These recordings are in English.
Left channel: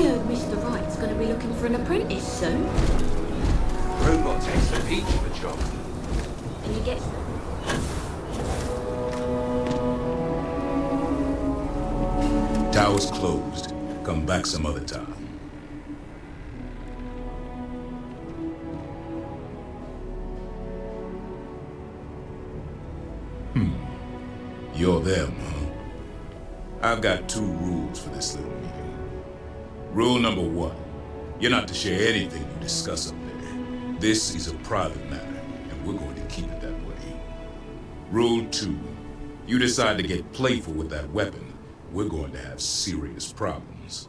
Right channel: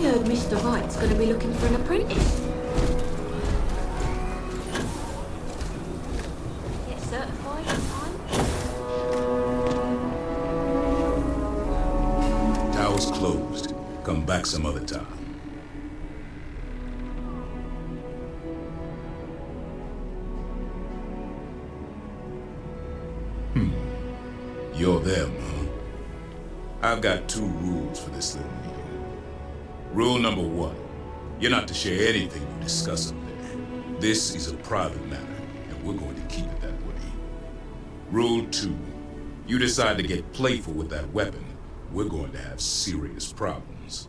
I heard Mr. Wright's going to be looking for an apprentice soon. Robot takes the heat for the job. Did he get certified? Tower's closed. Come back some other time. You're them, huh? I've got 2 rules for this little meeting. Rule number 1, you're not to share anything you discuss up there. This is a private matter, and we're going to keep it that way. Rule 2, you decide to get playful with that weapon, we're going to have serious problems.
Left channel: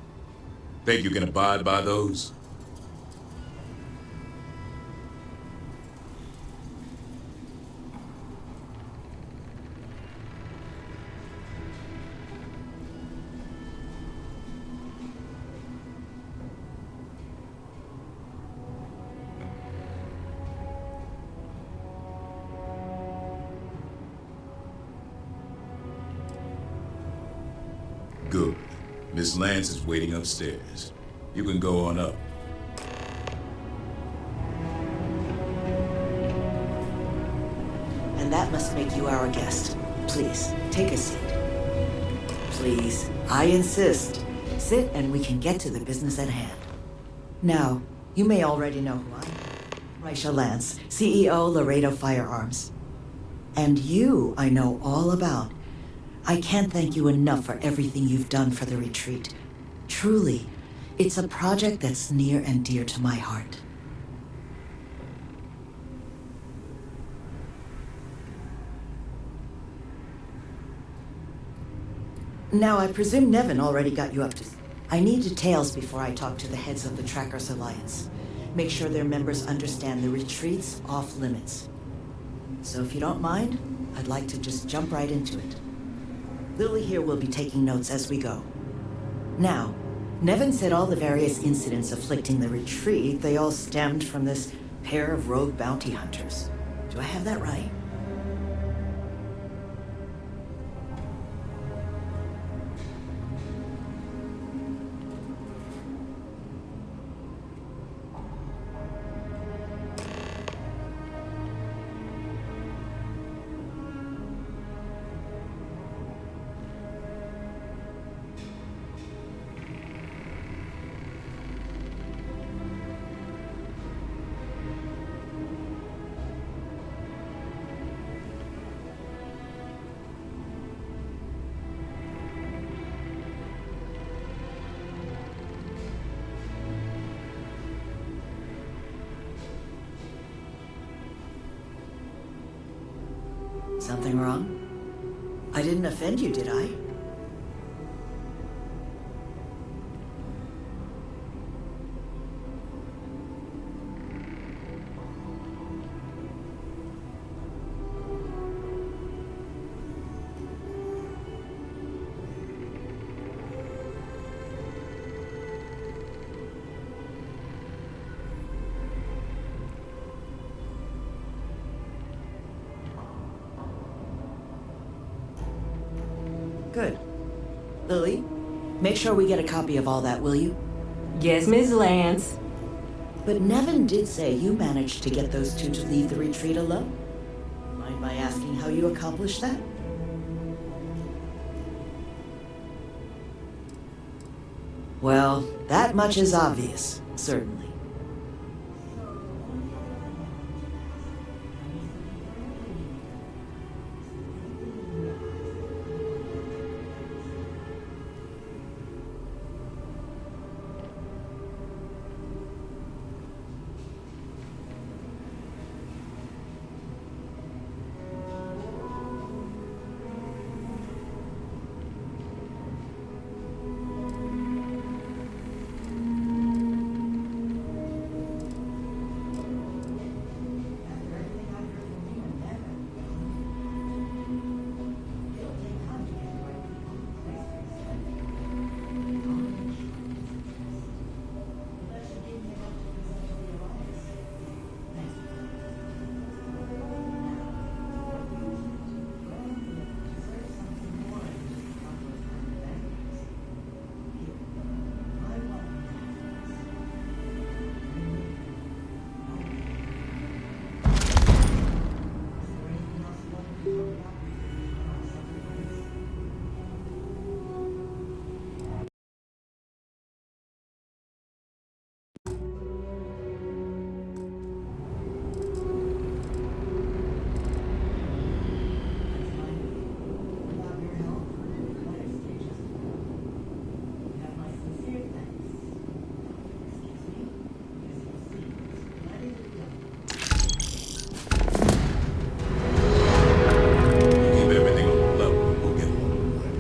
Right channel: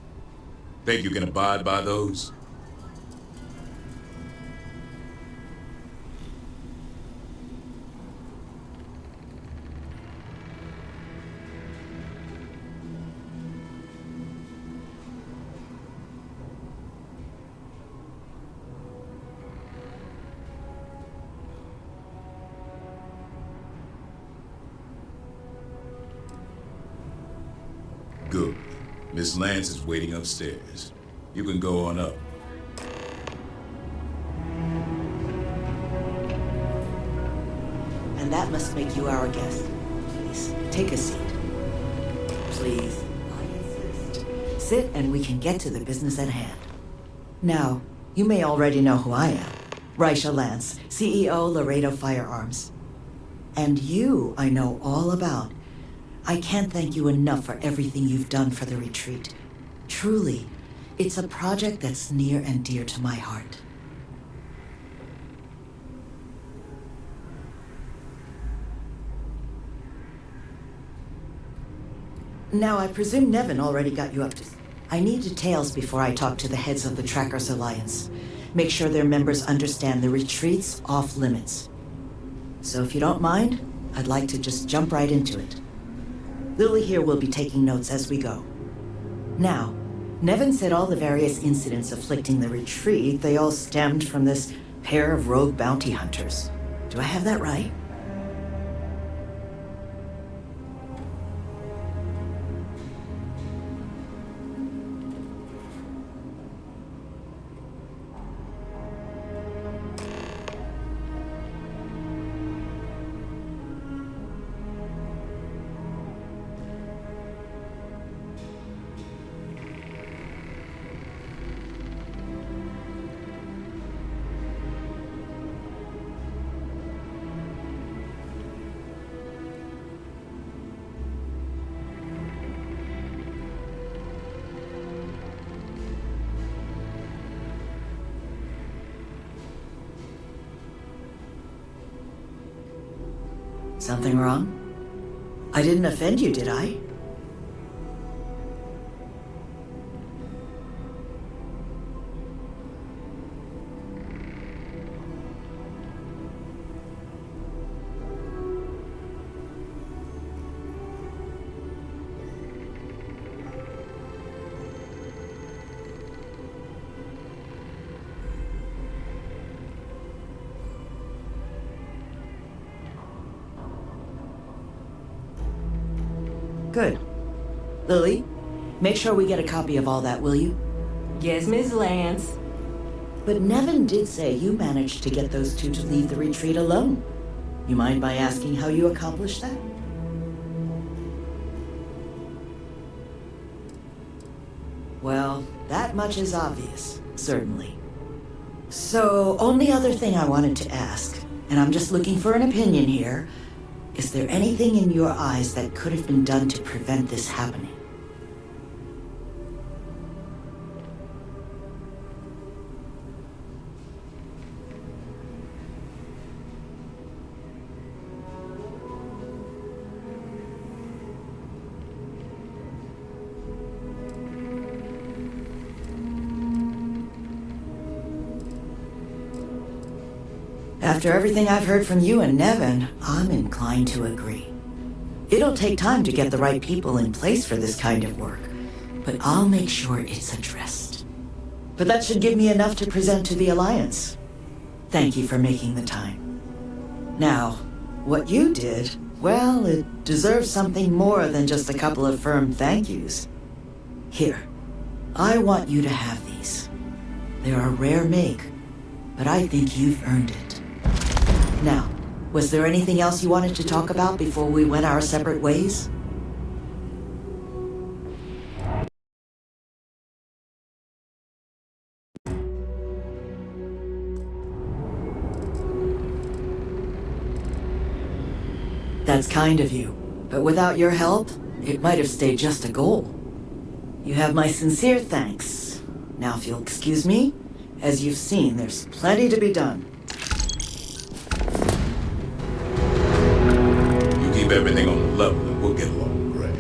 Think you can abide by those? Good. Miss Lance is waiting upstairs. You can go on up. And that must make you our guest. Please, take a seat. Please, I insist. Sit and we can get to the business at hand. Now, you may already know who I am. Raisha Lance, CEO Laredo Firearms. And you I know all about. I can't thank you enough for everything you've done for the retreat. Truly, it's a project that's near and dear to my heart. Now, I presume Nevin already got you up to... I need details before I talk to the heads of the Trackers Alliance. Make sure their members understand the retreat's off limits. So if you don't mind, I'd like to just jump right into it. Lily here will be taking notes as we go. Now, Nevin said all the various incidents afflicting the retreat, they all stemmed from this pair of rogue bounty hunters. Do I have that right? Something wrong? I didn't offend you, did I? Good. Lily, make sure we get a copy of all that, will you? Yes, Ms. Lance. But Nevin did say you managed to get those 2 to leave the retreat alone. You mind my asking how you accomplished that? Well, that much is obvious, certainly. So, only other thing I wanted to ask, and I'm just looking for an opinion here, is there anything in your eyes that could have been done to prevent this happening? After everything I've heard from you and Nevin, I'm inclined to agree. It'll take time to get the right people in place for this kind of work, but I'll make sure it's addressed. But that should give me enough to present to the Alliance. Thank you for making the time. Now, what you did, well, it deserves something more than just a couple of firm thank yous. Here, I want you to have these. They're a rare make, but I think you've earned it. Now, was there anything else you wanted to talk about before we went our separate ways? That's kind of you, but without your help, it might have stayed just a goal. You have my sincere thanks. Now, if you'll excuse me, as you've seen, there's plenty to be done. You keep everything on the level and we'll get along grand.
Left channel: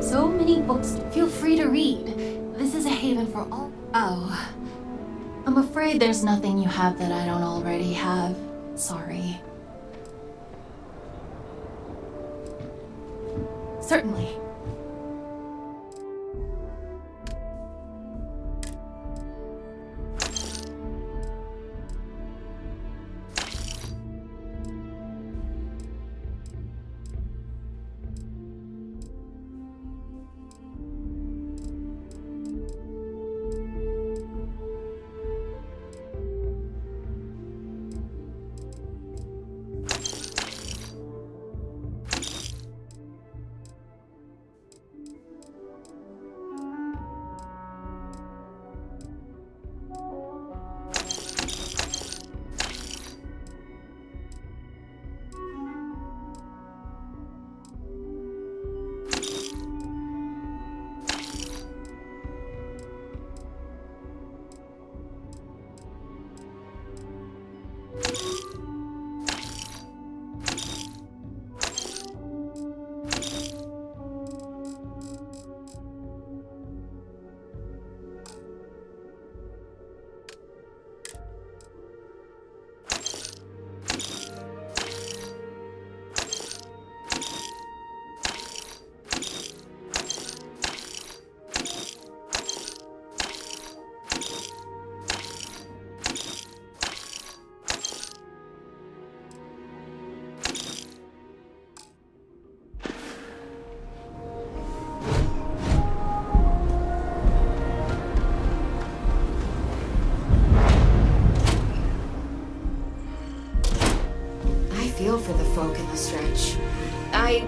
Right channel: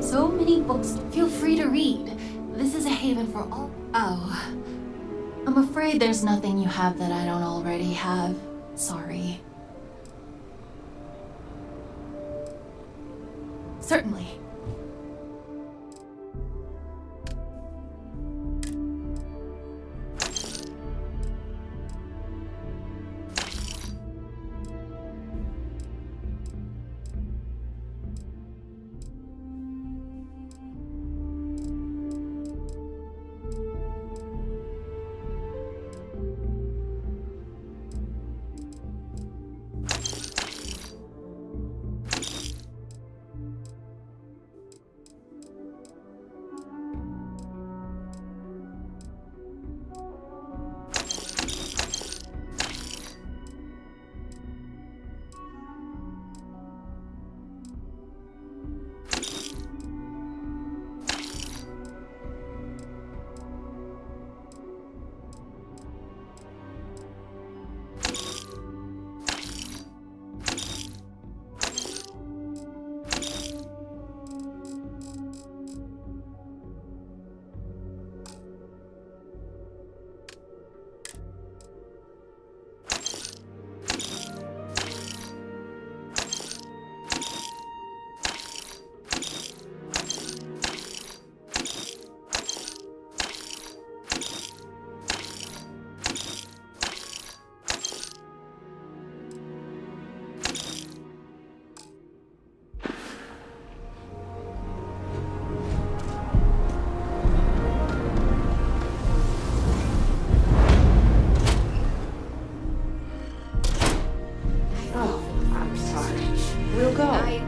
So many books. Feel free to read. This is a haven for all. Oh. I'm afraid there's nothing you have that I don't already have. Sorry. Certainly.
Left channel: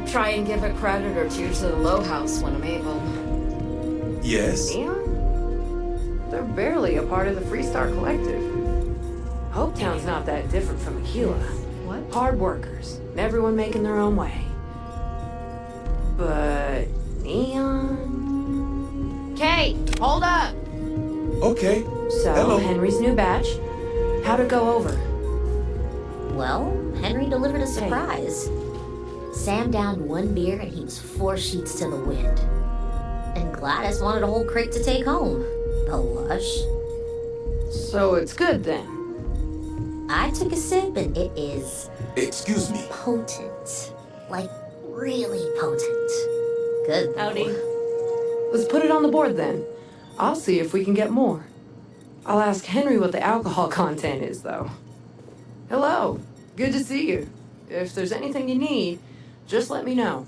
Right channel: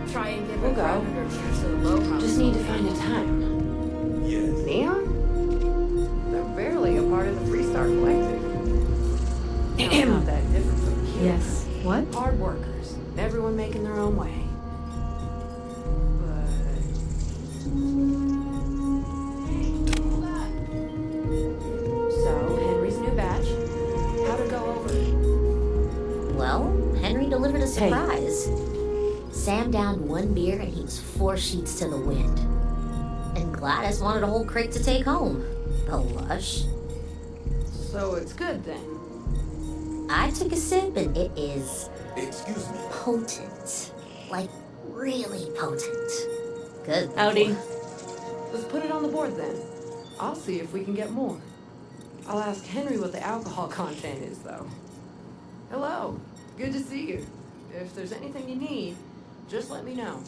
Try and give a credit or two to the Low House when man. Yes? Neon? They're barely a part of the Freestar Collective. Hopetown's not that different from Aquila. Yes. What? Hard workers, everyone making their own way. But Neon... Kate, hold up! Okay. So, Hello. Henry's new batch. How'd it go over? Well, Henry delivered a surprise. Sam downed one beer and he was 4 sheets to the wind. And Gladys wanted a whole crate to take home. The lush. So it's good then. I took a sip and it is Excuse me. potent. Like, really potent. Good. though. Howdy. Let's put it on the board then. I'll see if we can get more. I'll ask Henry what the alcohol content is, though. Hello. Good to see you. If there's anything you need, just let me know.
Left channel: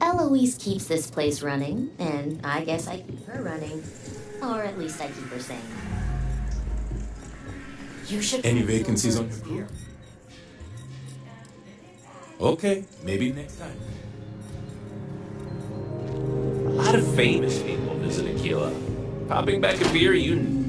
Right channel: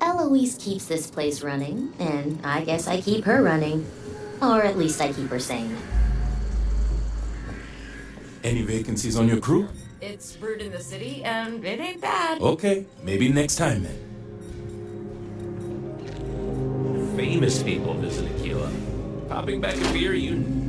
Eloise keeps this place running, and I guess I keep her running. Or at least I keep her sane. You should. Any vacancies on your crew? It's brewed in the city, and it ain't bad. Okay, maybe next time then. A lot of famous people visit Aquila. Popping back a beer, you...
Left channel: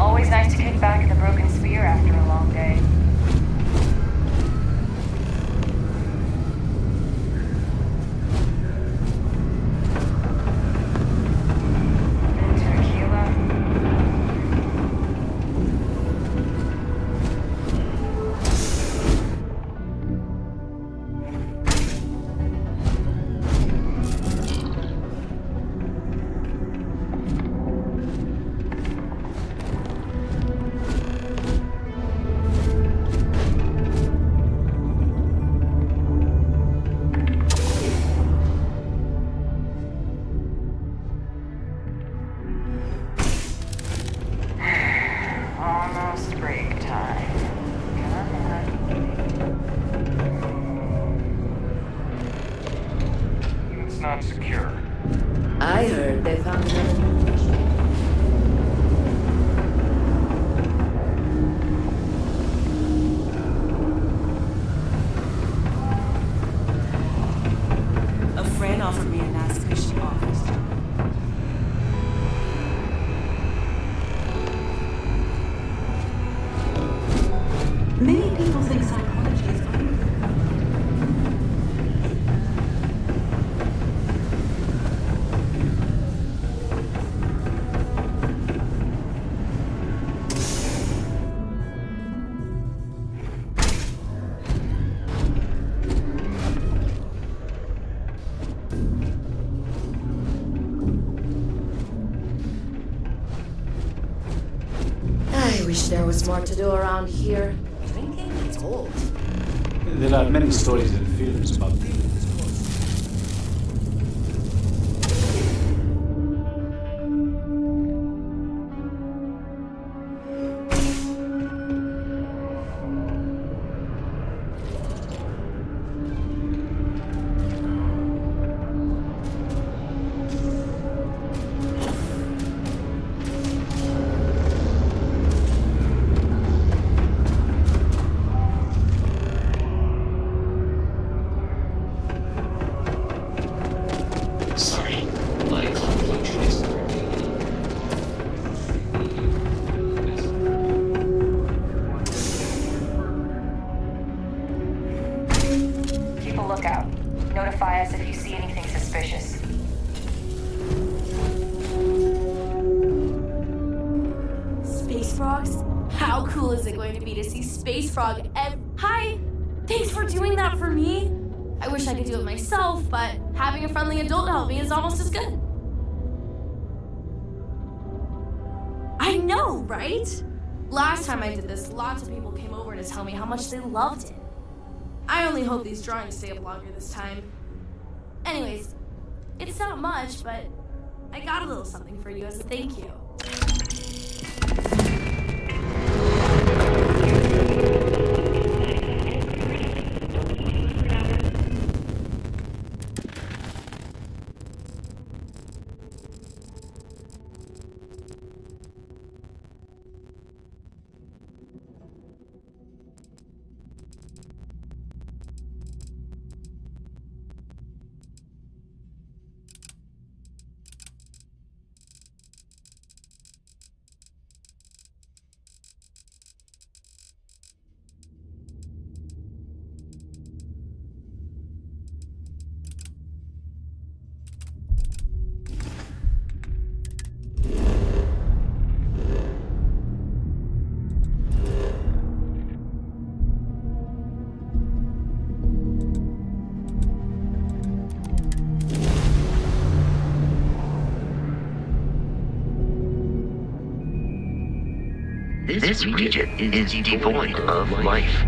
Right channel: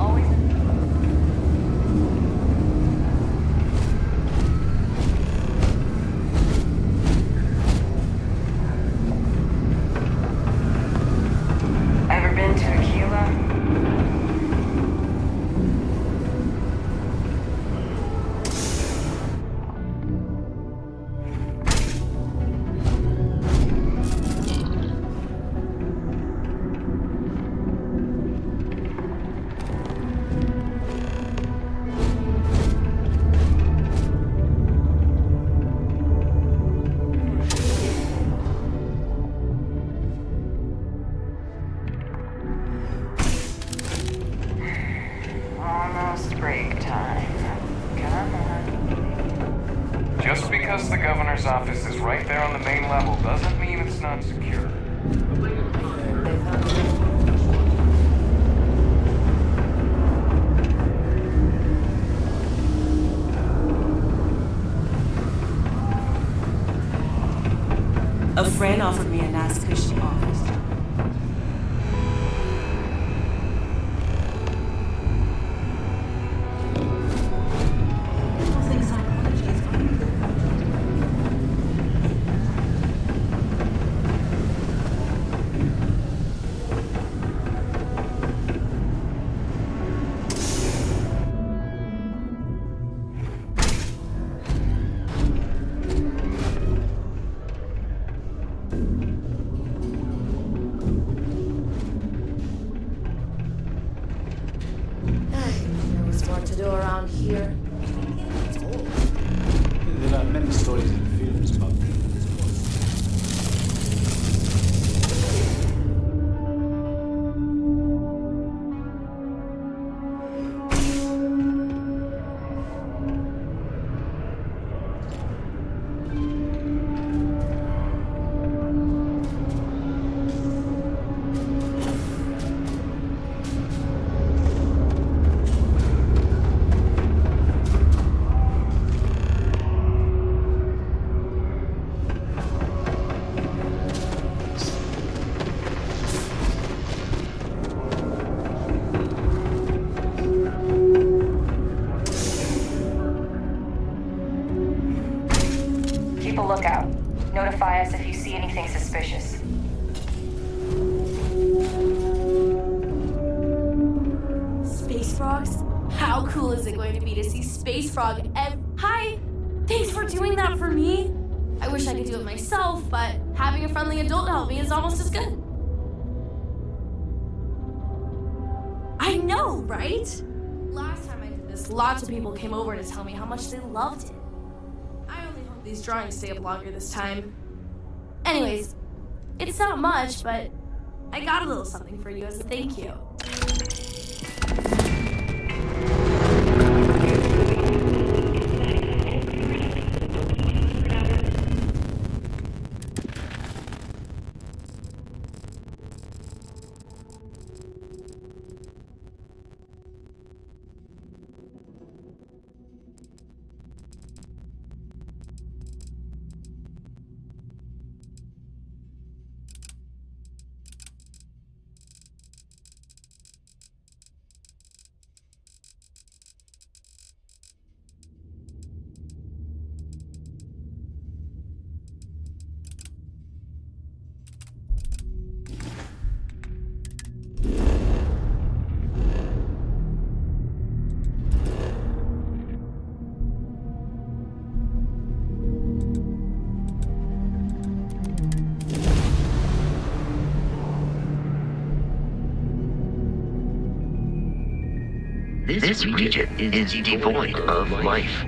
Always nice to kick back in the broken sphere after a long day. Ever been to Aquila? Almost break time. Come on. Just because the governor's office is right there on the main level doesn't mean it's not secure. I heard they found A friend offered me a nice cushy office. Many people think psychology is only. I wish there was more to do around here. Thinking it's old. There are many stories and films about people. how cool is it going to be to see Space Frog Hi! Thanks for doing that for me! I wish I could do it myself, but having a friendly adult help me is almost as good. I know, right? Last time I did this, lots of people came over to tell me how much they loved it. I only hope these drawings stay up longer this time. Anyways, it's not much, but I got a little something for you as a thank you. This region is devoid of life.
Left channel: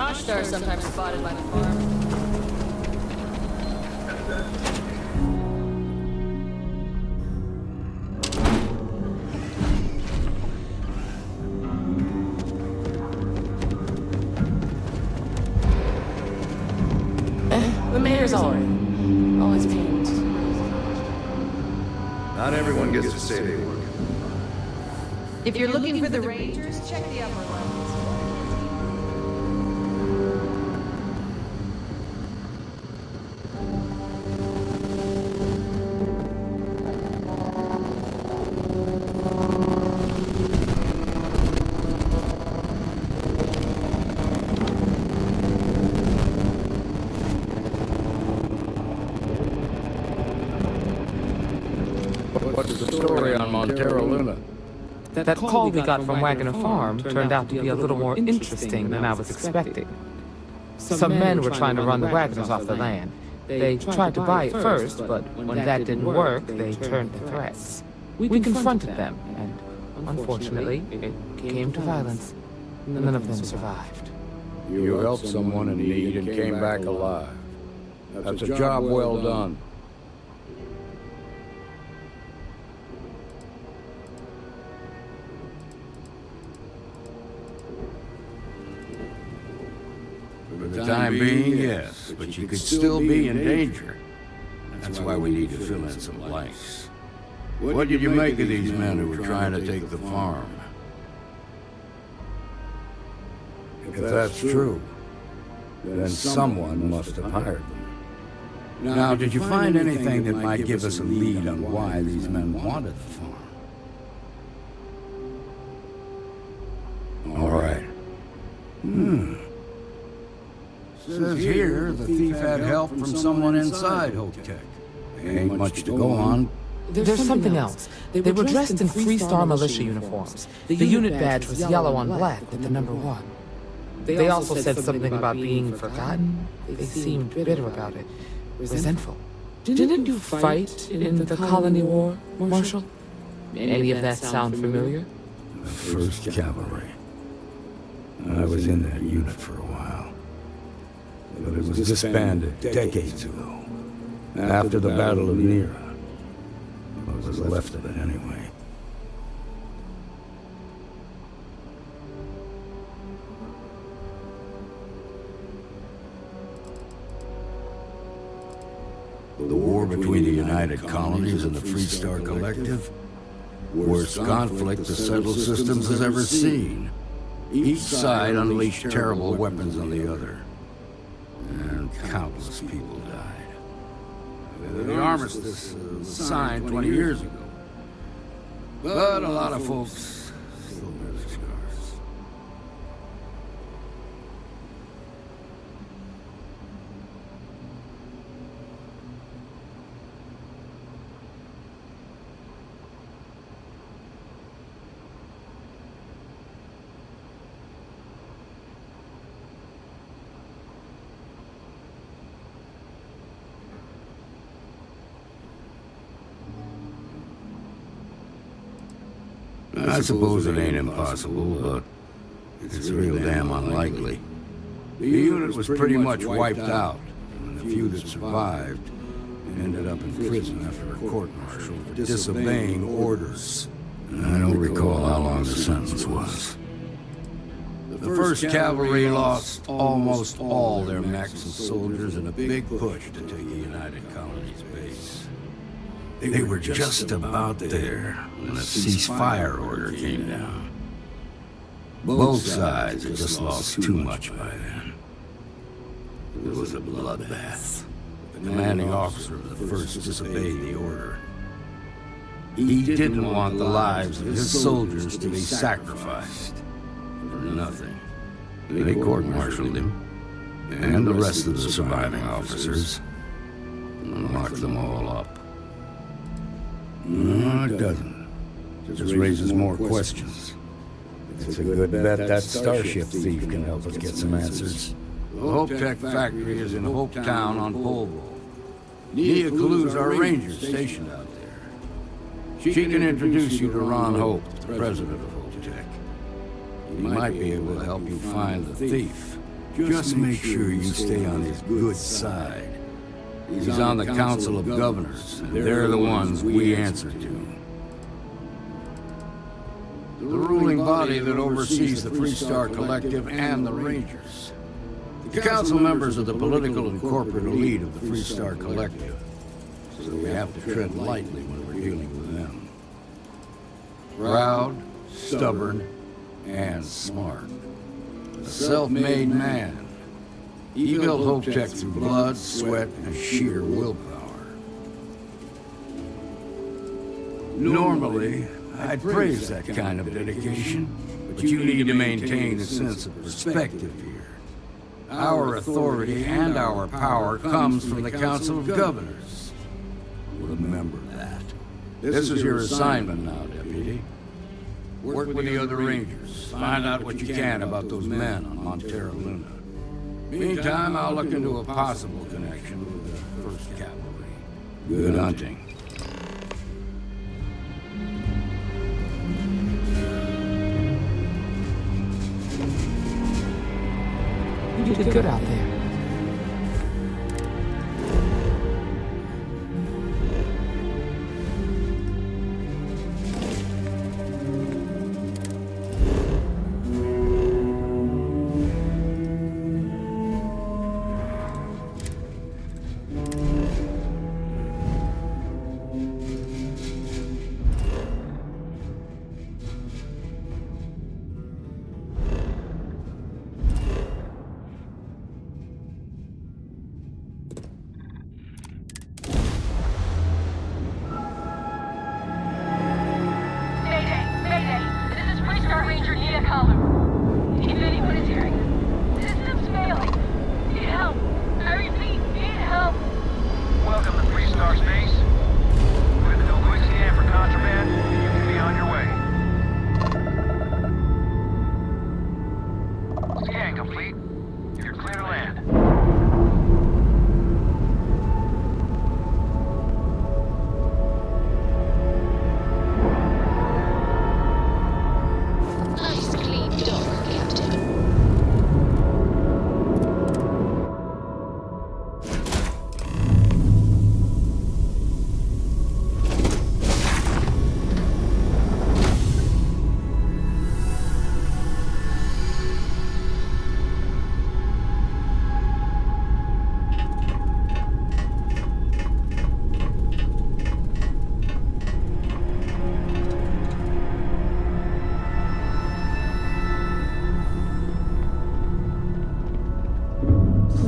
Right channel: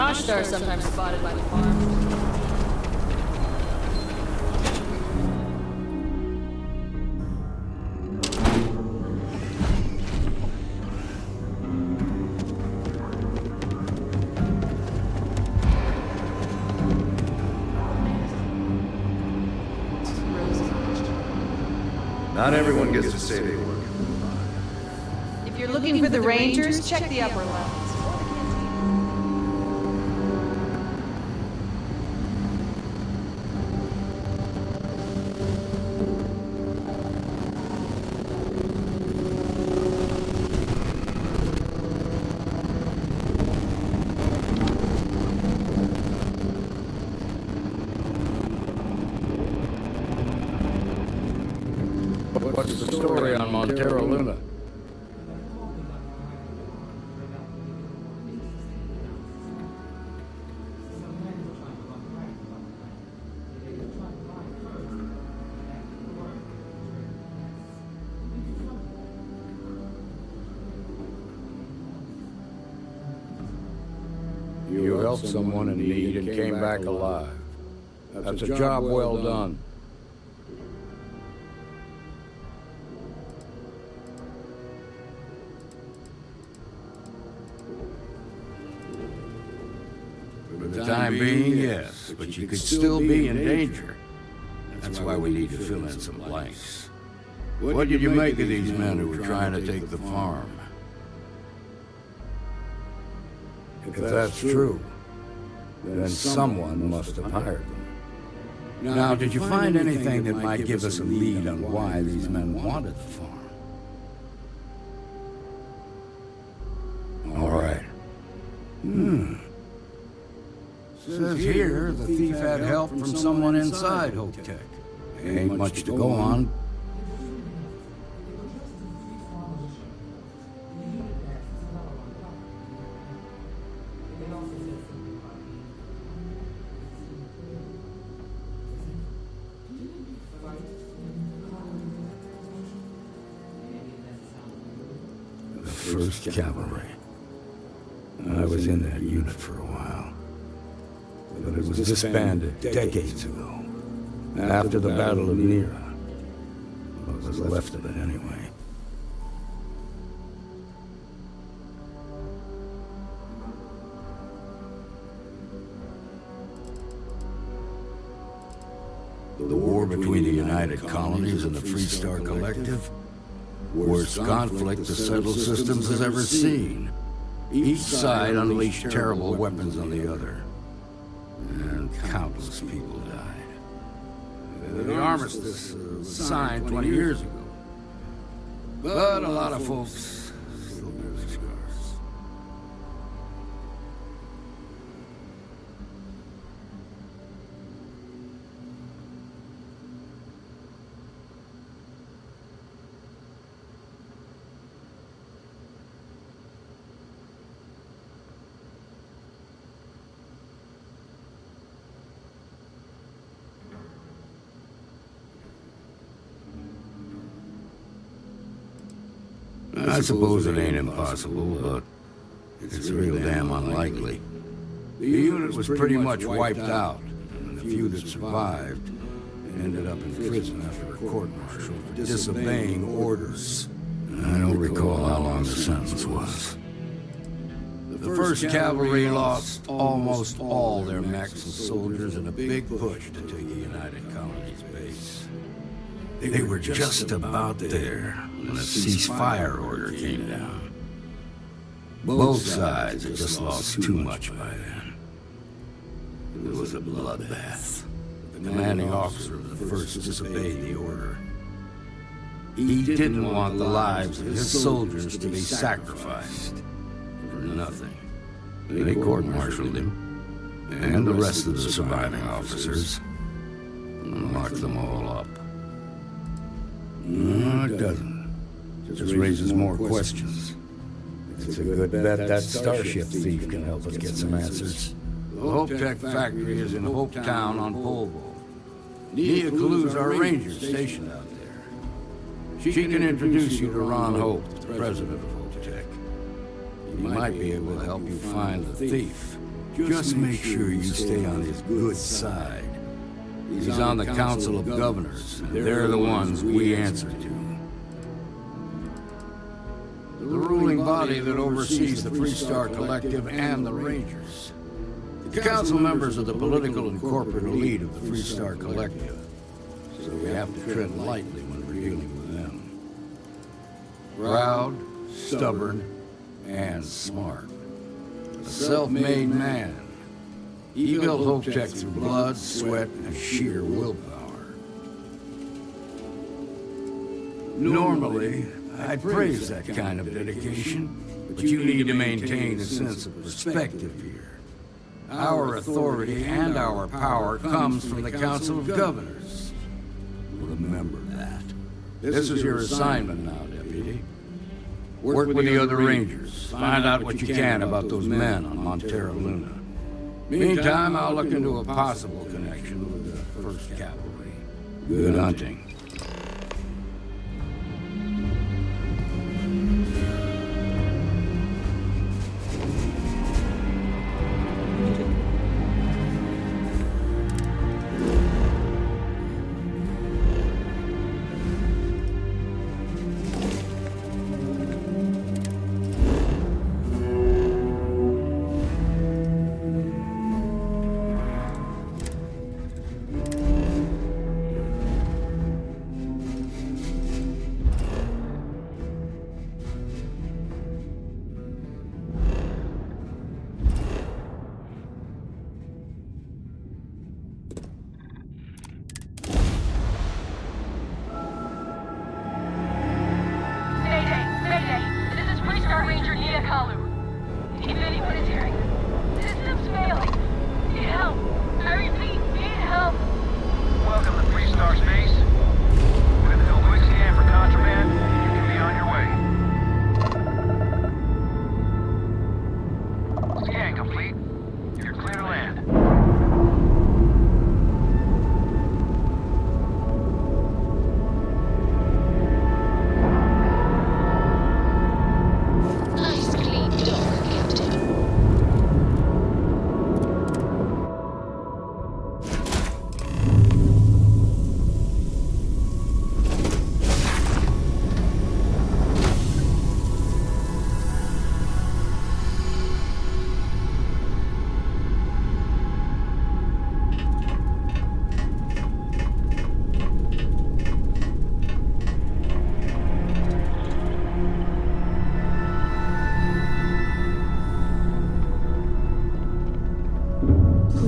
Ashtar are sometimes spotted by the farm. The mayor's always cute. Not everyone gets to say they work. If you're looking for the Rangers, check the upper levels. What's the story on Montero Luna? That call we got from Wagner Farm turned out to be a little more interesting than I was expecting. Some men were trying to run the Wagners off the land. They tried to buy it first, but when that didn't work, they turned to threats. We confronted them, and unfortunately, it came to violence. None of them survived. You helped someone in need and came back alive. That's a job well done. For the time being, yes, but you could still be in danger. That's why we need to fill in some blanks. What did you make of these men who were trying to take the farm? If that's true, then someone must have hired them. Now, did you find anything that might give us a lead on why these men wanted the farm? All right. Says here the thief had help from someone inside Hotech. Ain't much to go on. There's something else. They were dressed in three-star militia uniforms. The unit badge was yellow on black with the number 1. They also said something about being forgotten. They seemed bitter about it, resentful. Didn't you fight in the Colony War, Marshal? Any of that sound familiar? The 1st Cavalry. I was in that unit for a while. But it was disbanded decades ago, after the Battle of Nera. What was left of it anyway. The war between the United Colonies and the Freestar Collective? Worst conflict the settled systems has ever seen. Each side unleashed terrible weapons on the other. And countless people died. The armistice was signed 20 years ago. But a lot of folks still bear their scars. I suppose it ain't impossible, but it's real damn unlikely. The unit was pretty much wiped out, and the few that survived ended up in prison after a court-martial for disobeying orders. I don't recall how long the sentence was. The 1st Cavalry lost almost all their mechs and soldiers in a big push to take the United Colonies base. They were just about there when a ceasefire order came down. Both sides had just lost too much by then. It was a bloodbath. The commanding officer of the 1st disobeyed the order. He didn't want the lives of his soldiers to be sacrificed for nothing. They court-martialed him, and the rest of the surviving officers, and locked them all up. No, it doesn't. Just raises more questions. It's a good bet that starship thief can help us get some answers. The Hopetech factory is in Hope Town on Polvo. Nia Kalu's our ranger stationed out there. She can introduce you to Ron Hope, the president of Hopetech. He might be able to help you find the thief. Just make sure you stay on his good side. He's on the Council of Governors, and they're the ones we answer to. The ruling body that oversees the Freestar Collective and the Rangers. The council members are the political and corporate elite of the Freestar Collective, so we have to tread lightly when we're dealing with them. Proud, stubborn, and smart. A self-made man. He built Hope Tech through blood, sweat, and sheer willpower. Normally, I'd praise that kind of dedication, but you need to maintain a sense of perspective here. Our authority and our power comes from the Council of Governors. Remember that. This is your assignment now, Deputy. Work with the other Rangers. Find out what you can about those men on Montera Luna. Meantime, I'll look into a possible connection with the 1st Cavalry. Good hunting. You did good out there.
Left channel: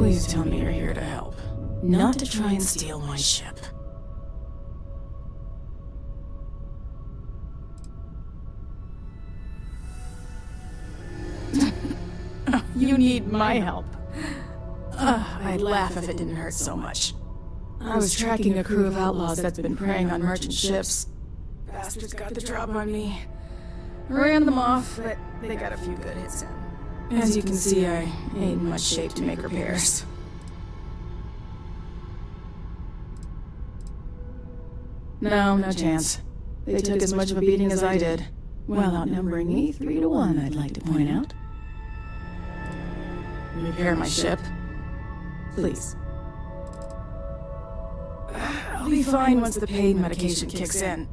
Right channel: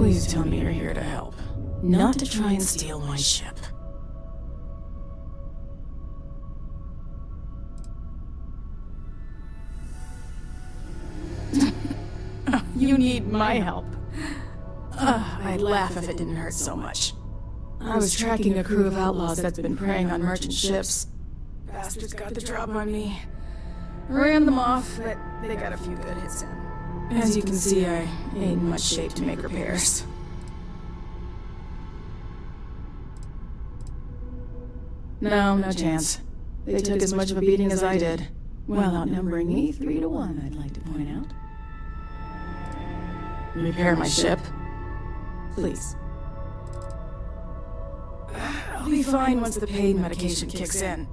Please tell me you're here to help, not to try and steal my ship. You need my help. I'd laugh if it didn't hurt so much. I was tracking a crew of outlaws that's been preying on merchant ships. Bastards got the drop on me. I ran them off, but they got a few good hits in. As you can see, I ain't in much shape to make repairs. No chance. They took as much of a beating as I did, while outnumbering me 3 to 1, I'd like to point out. Repair my ship? Please. I'll be fine once the pain medication kicks in.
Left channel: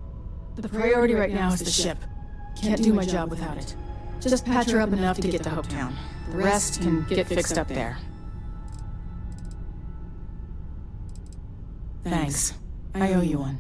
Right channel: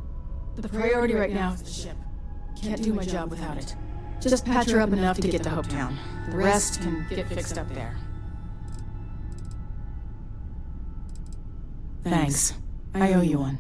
The priority right now is the ship. Can't do my job without it. Just patch her up enough to get to Hopetown. The rest can get fixed up there. Thanks. I owe you one.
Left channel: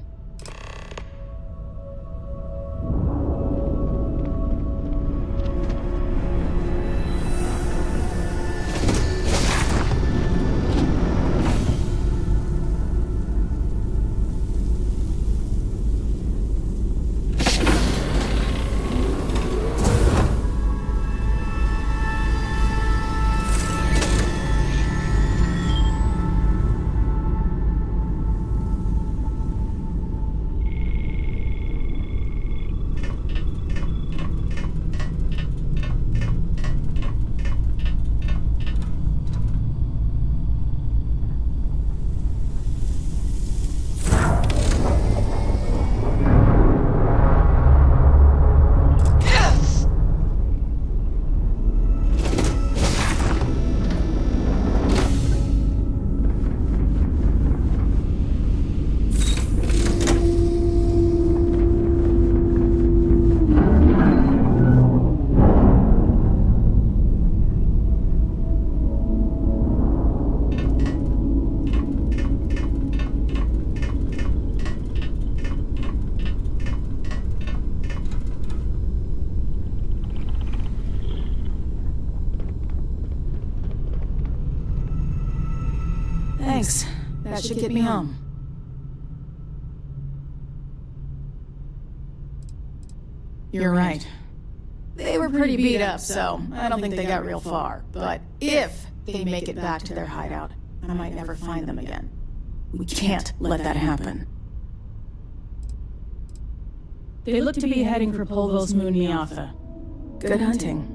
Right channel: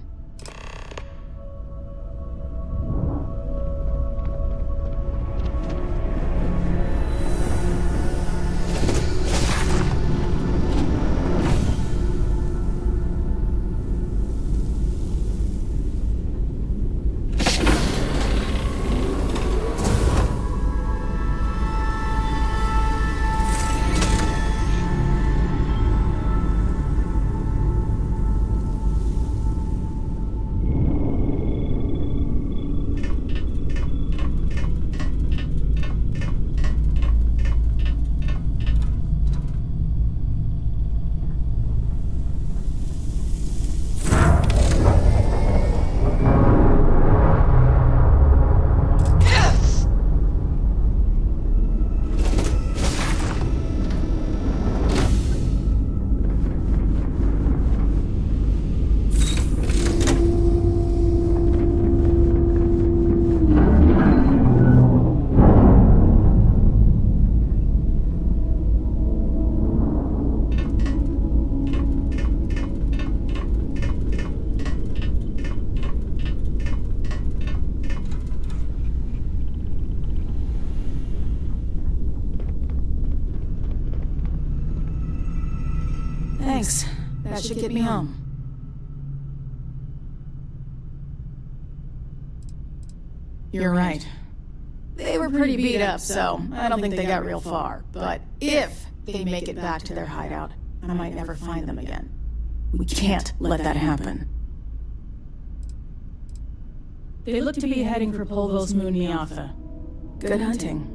Thanks. That should get me home. You're right. They were pretty beat up, so I don't think they got real far. But if they make it back to their hideout, I might never find them again. We can't let that happen. They look to be heading for Polvo's moon Niatha. Good hunting.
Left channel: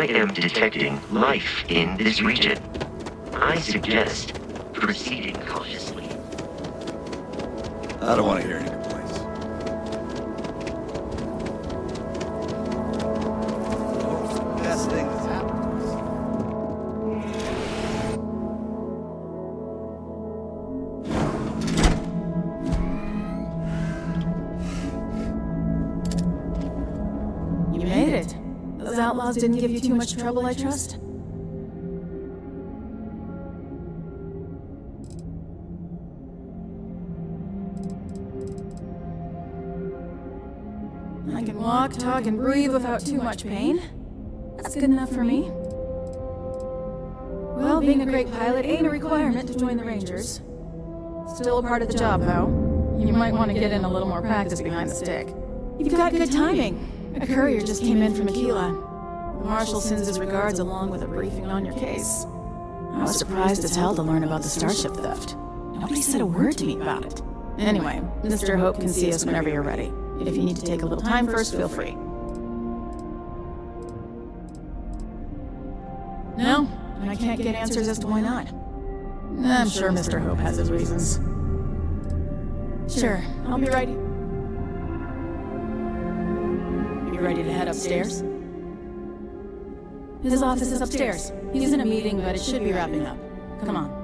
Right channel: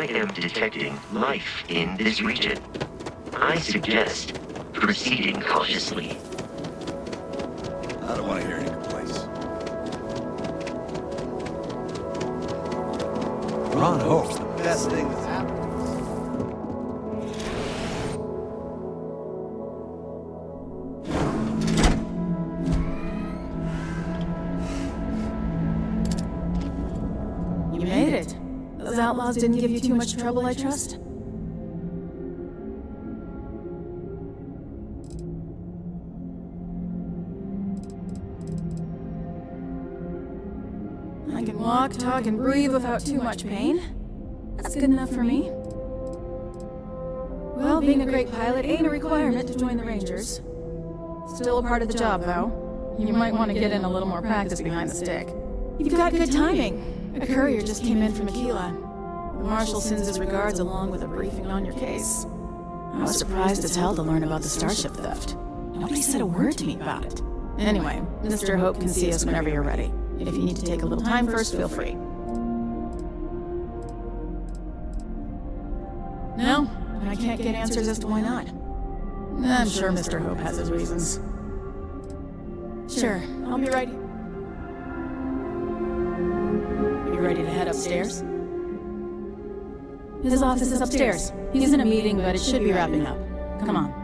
I am detecting life in this region. I suggest proceeding cautiously. I don't want to hear any complaints. We're on hope. It's the best thing that's happened to us. outlaws didn't give you too much trouble, I trust? I can walk, talk, and breathe without too much pain. That's good enough for me. Well, being a great pilot ain't a requirement to join the Rangers. Still a part of the job, though. You might want to get in a little more practice behind the stick. You've got good timing. A courier just came in from Aquila. The Marshal sends his regards along with a briefing on your case. I was surprised as hell to learn about the starship theft. Nobody said a word to me about it. Anyway, Mr. Hope can see us whenever you're ready. If you need to take a little time first, feel free. No, I can't get answers as to why not. I'm sure Mr. Hope has his reasons. Sure, I'll be right. You ready to head upstairs? His office is upstairs. He's in a meeting, but it should be wrapping up. Come on.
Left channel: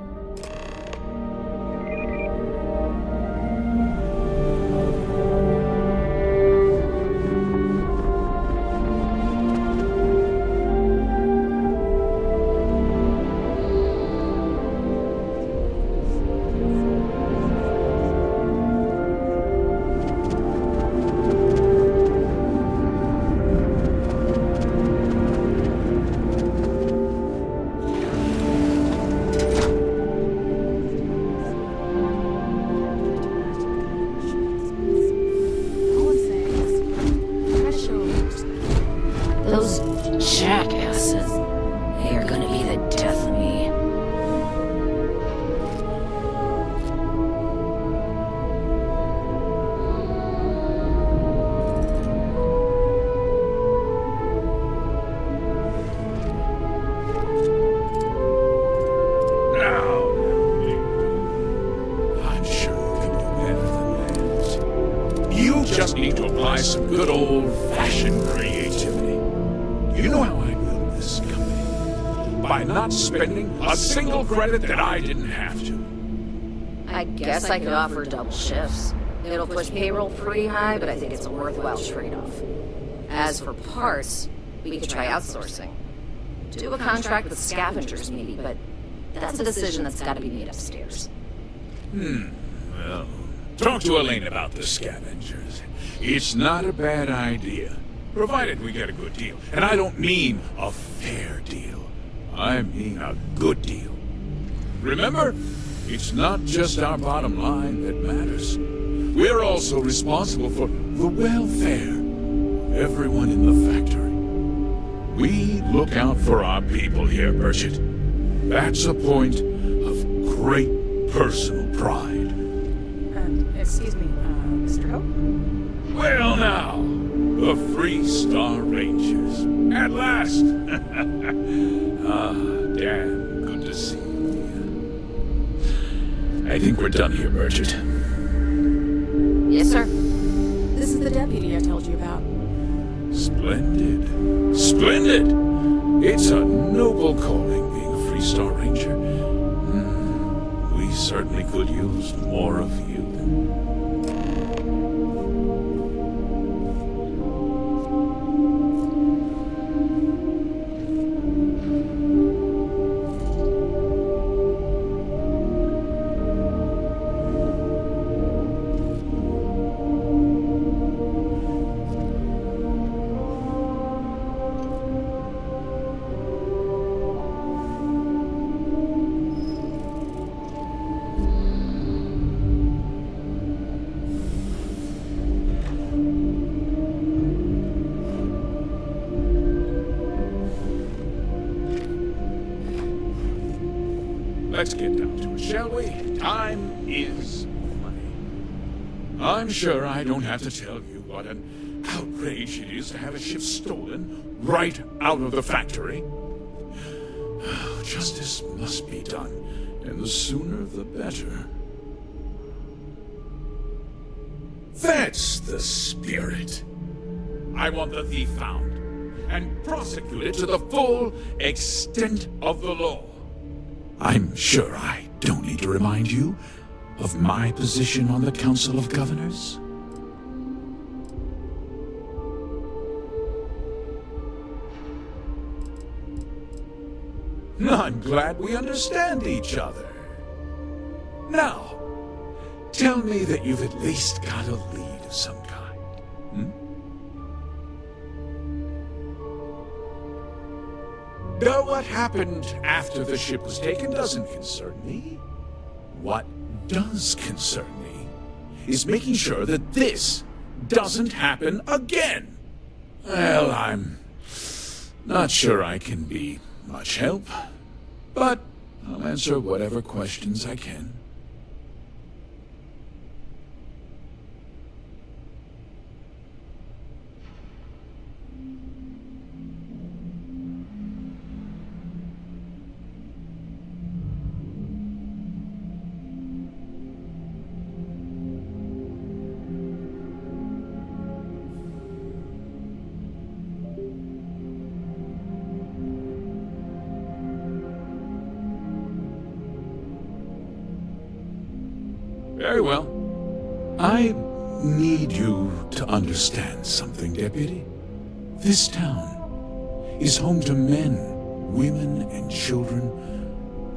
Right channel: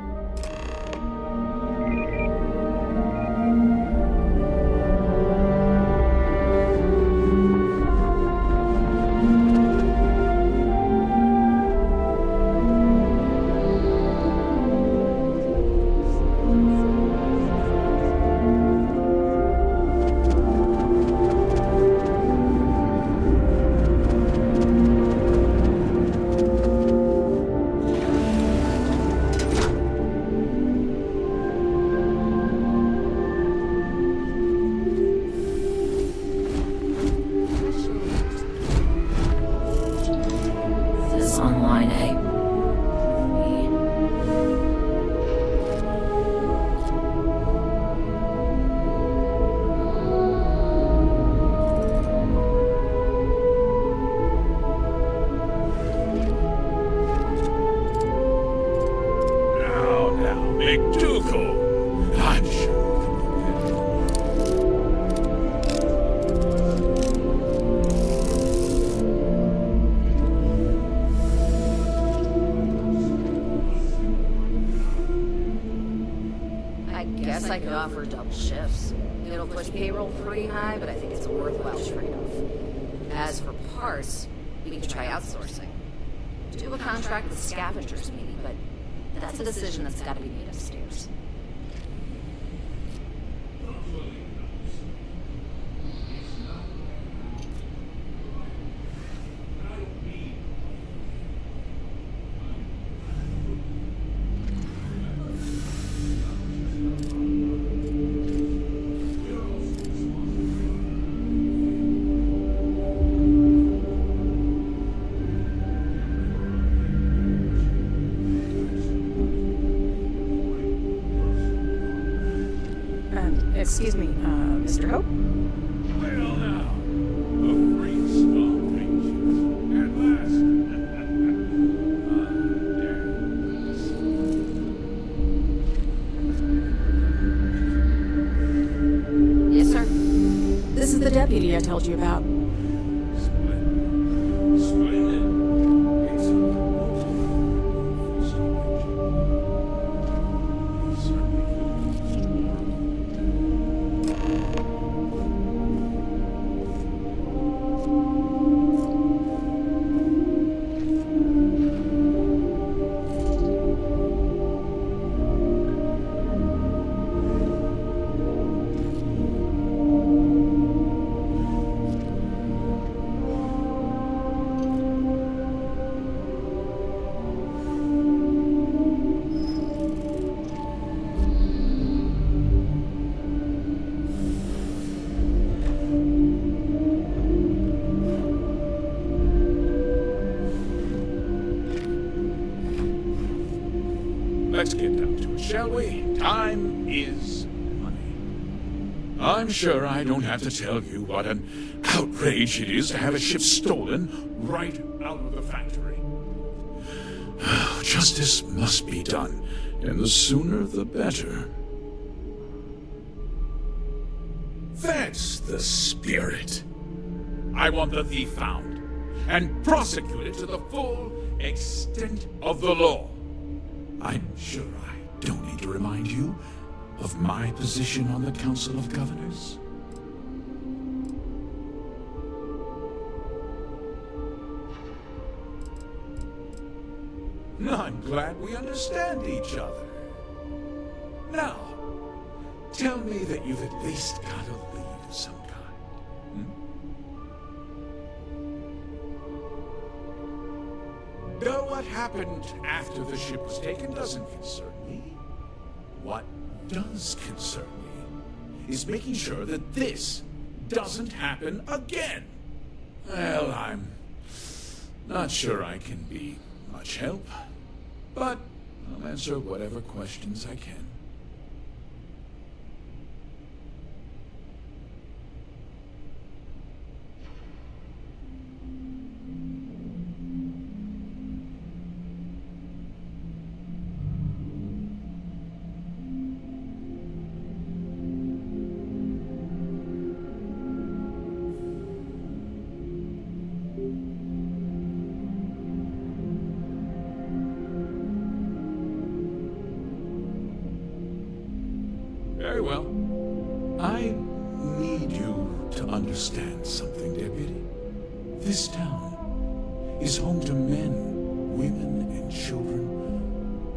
I could offer double shifts. It'll push payroll pretty high, but I think it's a worthwhile trade-off. As for parts, we could try outsourcing. Do a contract with scavengers, maybe, but that's a decision that's got to be made upstairs. Well, talk to Elaine about the scavengers. It's not a bad idea, provided we get a good deal. And I don't mean a fair deal. I mean a good deal. Remember? It's not just our bottom line that matters. We're also responsible for the welfare of everyone in the factory. We look out for our people here, Bridget. That's a point of great personal pride. Excuse me, Mr. Hope? Well now, the Free Star Rangers. At last! Dan, good to see you. I think we're done here, Bridget. Yes, sir. This is the deputy I told you about. Splendid. Splendid! It's a noble calling, being a Free Star Ranger. We certainly could use more of you. Let's get down to it, shall we? Time is money. I'm sure I don't have to tell you what an outrage it is to have a ship stolen right out of the factory. Justice must be done, and the sooner the better. That's the spirit. I want the thief found and prosecuted to the full extent of the law. I'm sure I don't need to remind you of my position on the Council of Governors. I'm glad we understand each other. Now, tell me that you've at least got a lead of some kind. Though what happened after the ship was taken doesn't concern me. What does concern me is making sure that this doesn't happen again. Well, I'm not sure I can be much help, but I'll answer whatever questions I can. Very well. I need you to understand something, Deputy. This town is home to men, women, and children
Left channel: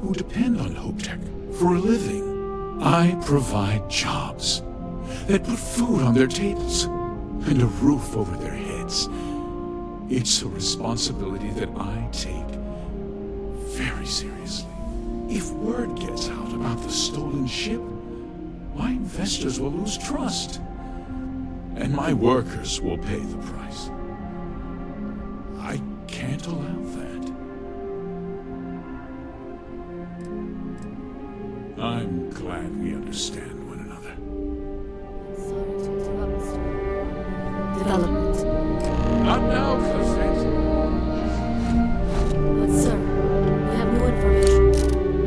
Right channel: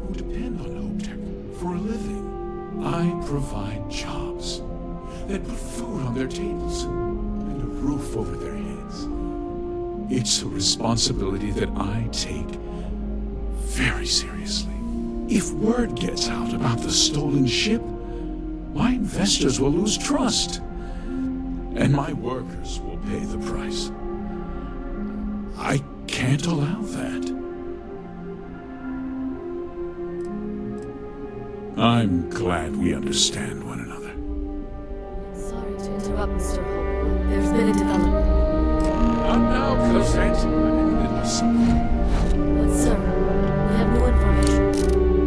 who depend on HopeTech for a living. I provide jobs that put food on their tables and a roof over their heads. It's a responsibility that I take very seriously. If word gets out about the stolen ship, my investors will lose trust, and my workers will pay the price. I can't allow that. I'm glad we understand one another. Sorry to interrupt, Mr. Hope. There's been a development. Not now, close hands. But, sir, we have new information.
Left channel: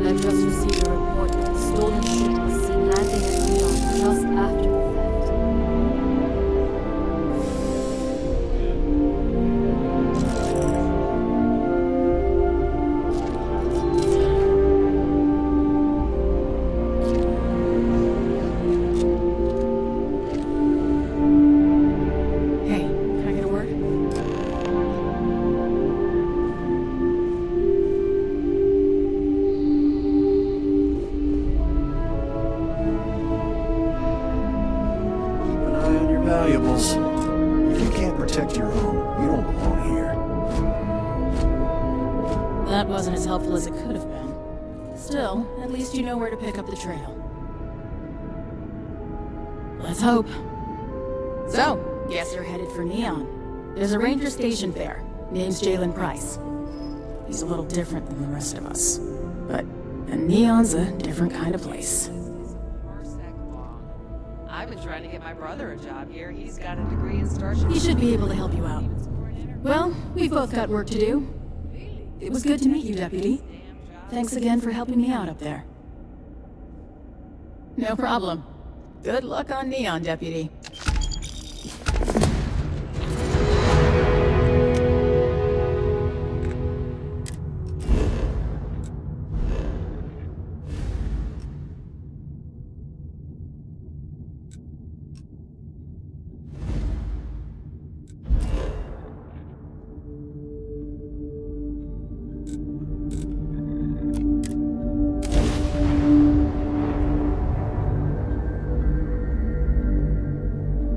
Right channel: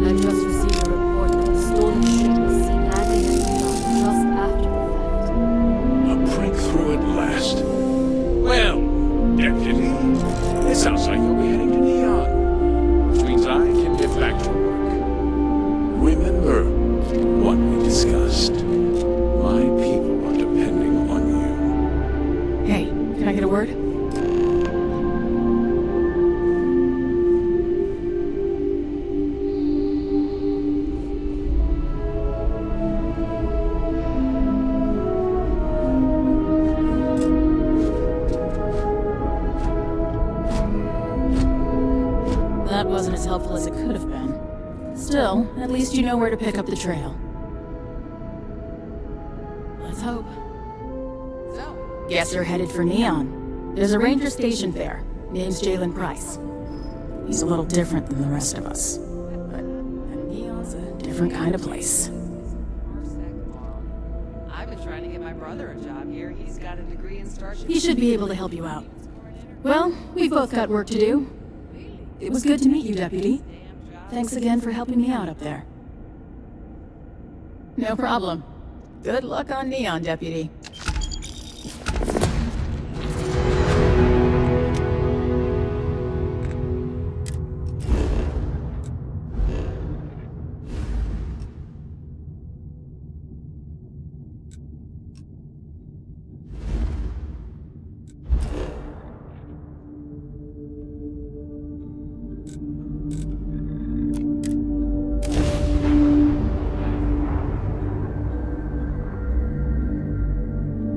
I've just received a report that the stolen ship was seen landing at Neon just after the theft. A breakthrough at last. Well, Deputy, it sounds like we'll be heading to Neon. Which means I can get back to work. Remember what we discussed. My people are depending on you. Hey, can I get a word? That wasn't as helpful as it could have been. Still, at least you know where to pick up the trail. Let's hope. So, guess you're headed for Neon. There's a ranger stationed there. Name's Jalen Price. He's a little different than the rest of us. But Neon's a different kind of place. I've been trying to get my brother a job here. He's got a degree in starship. He should be able to help you out. Well, we've both got work to do. It was good to meet you, Deputy. Thanks again for helping me out up there. No problem. Good luck on Neon, Deputy.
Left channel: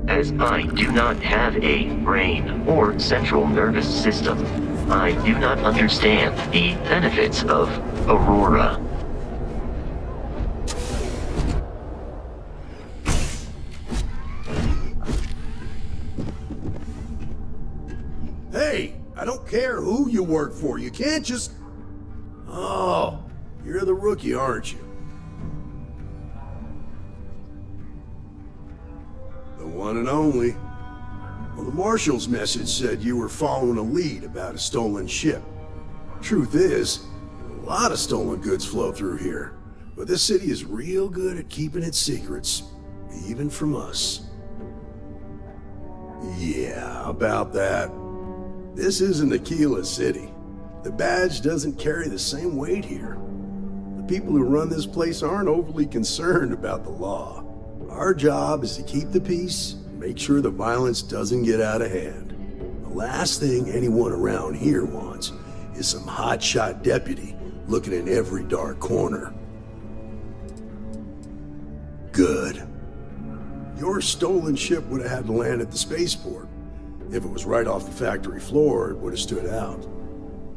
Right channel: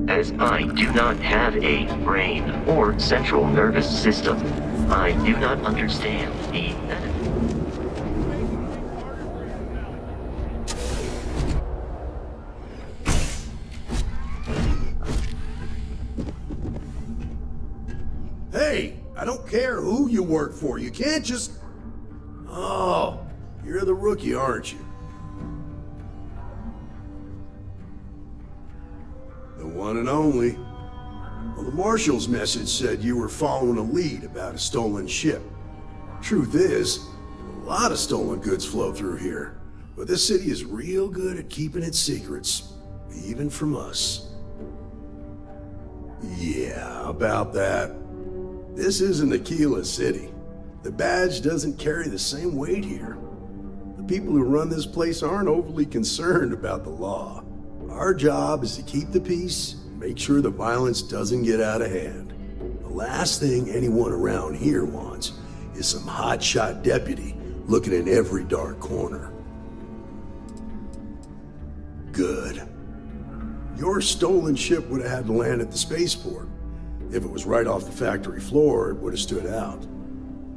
As I do not have a brain or central nervous system, I do not understand the benefits of Aurora. Hey, I don't care who you work for. You can't just... Oh, you're the rookie, aren't you? The one and only. Well, the Marshal's message said you were following a lead about a stolen ship. Truth is, a lot of stolen goods flow through here, but this city is real good at keeping its secrets, even from us. Yeah, about that. This isn't Aquila City. The badge doesn't carry the same weight here. The people who run this place aren't overly concerned about the law. Our job is to keep the peace and make sure the violence doesn't get out of hand. The last thing anyone around here wants is some hotshot deputy looking in every dark corner. Good. Your stolen ship would have had to land at the spaceport. If it was right off the factory floor, it would have stood out.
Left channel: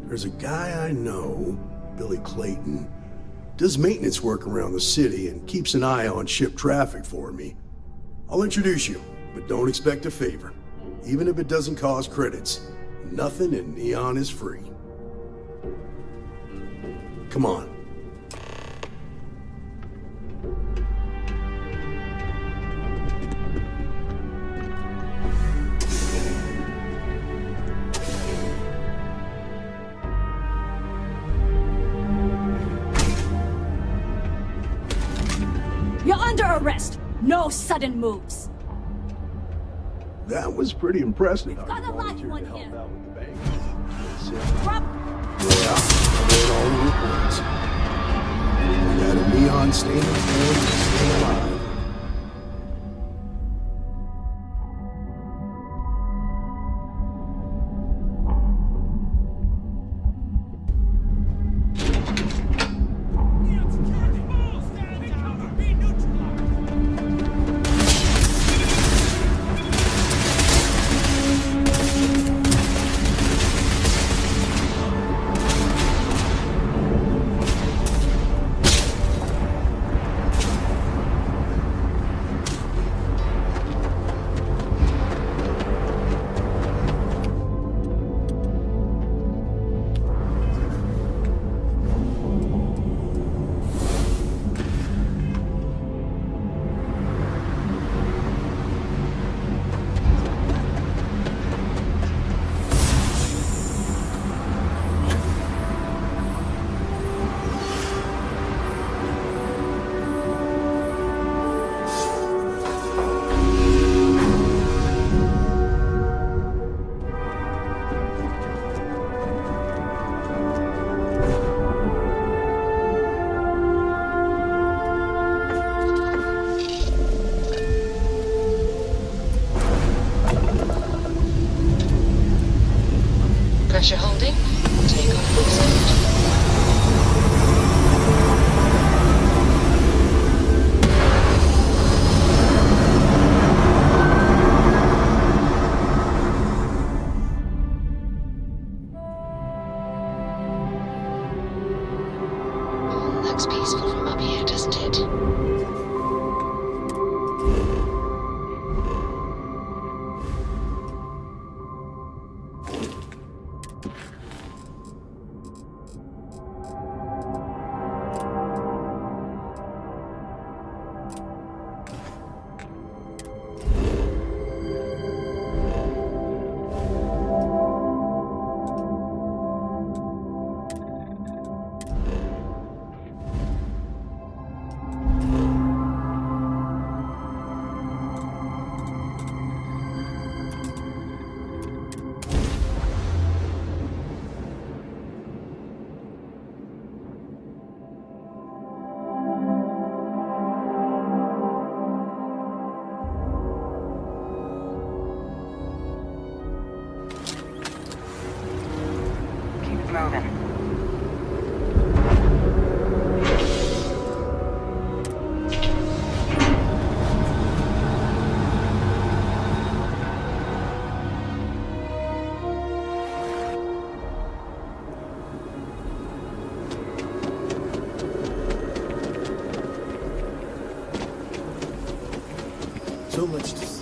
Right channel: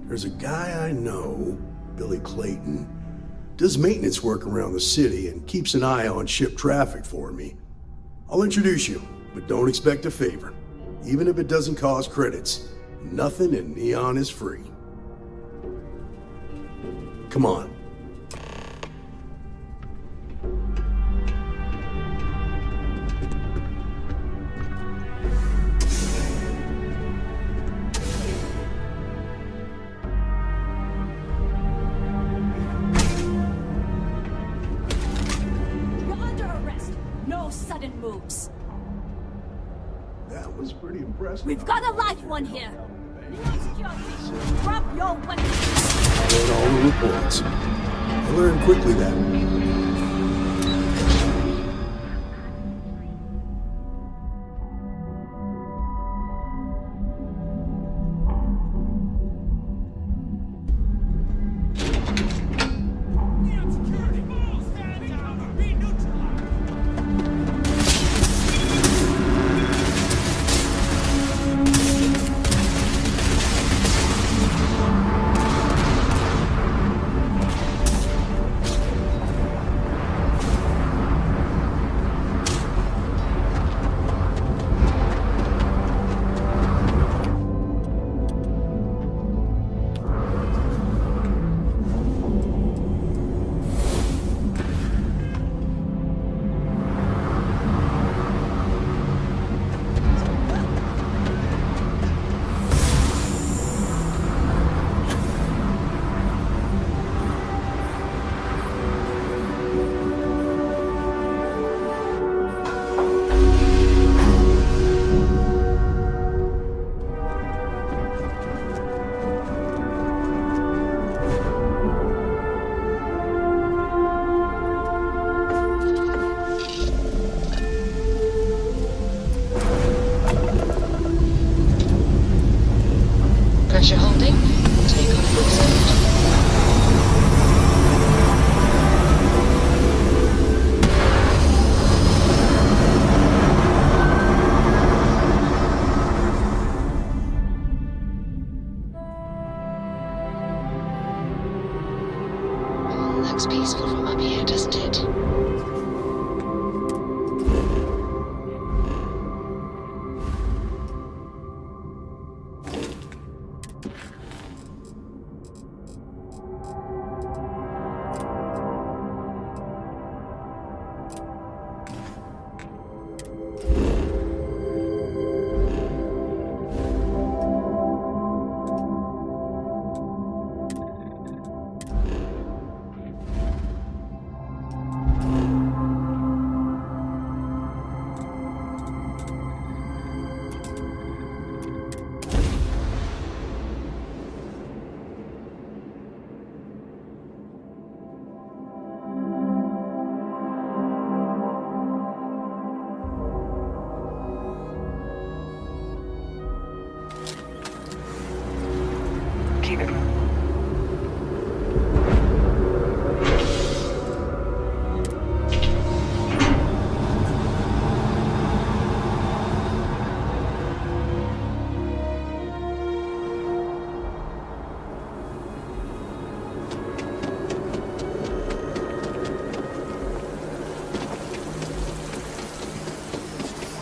There's a guy I know, Billy Clayton, does maintenance work around the city and keeps an eye on ship traffic for me. I'll introduce you, but don't expect a favor. Even if it doesn't cost credits, nothing in Neon is free. Come on. You're under arrest. No sudden moves. That was pretty impressive. We've got a live one here. Drop your weapon. I read all the reports. I learned quickly that a Neon standing is alive. Pressure holding. Take off resumed. Looks peaceful from up here, doesn't it? Keep it moving. So let's just...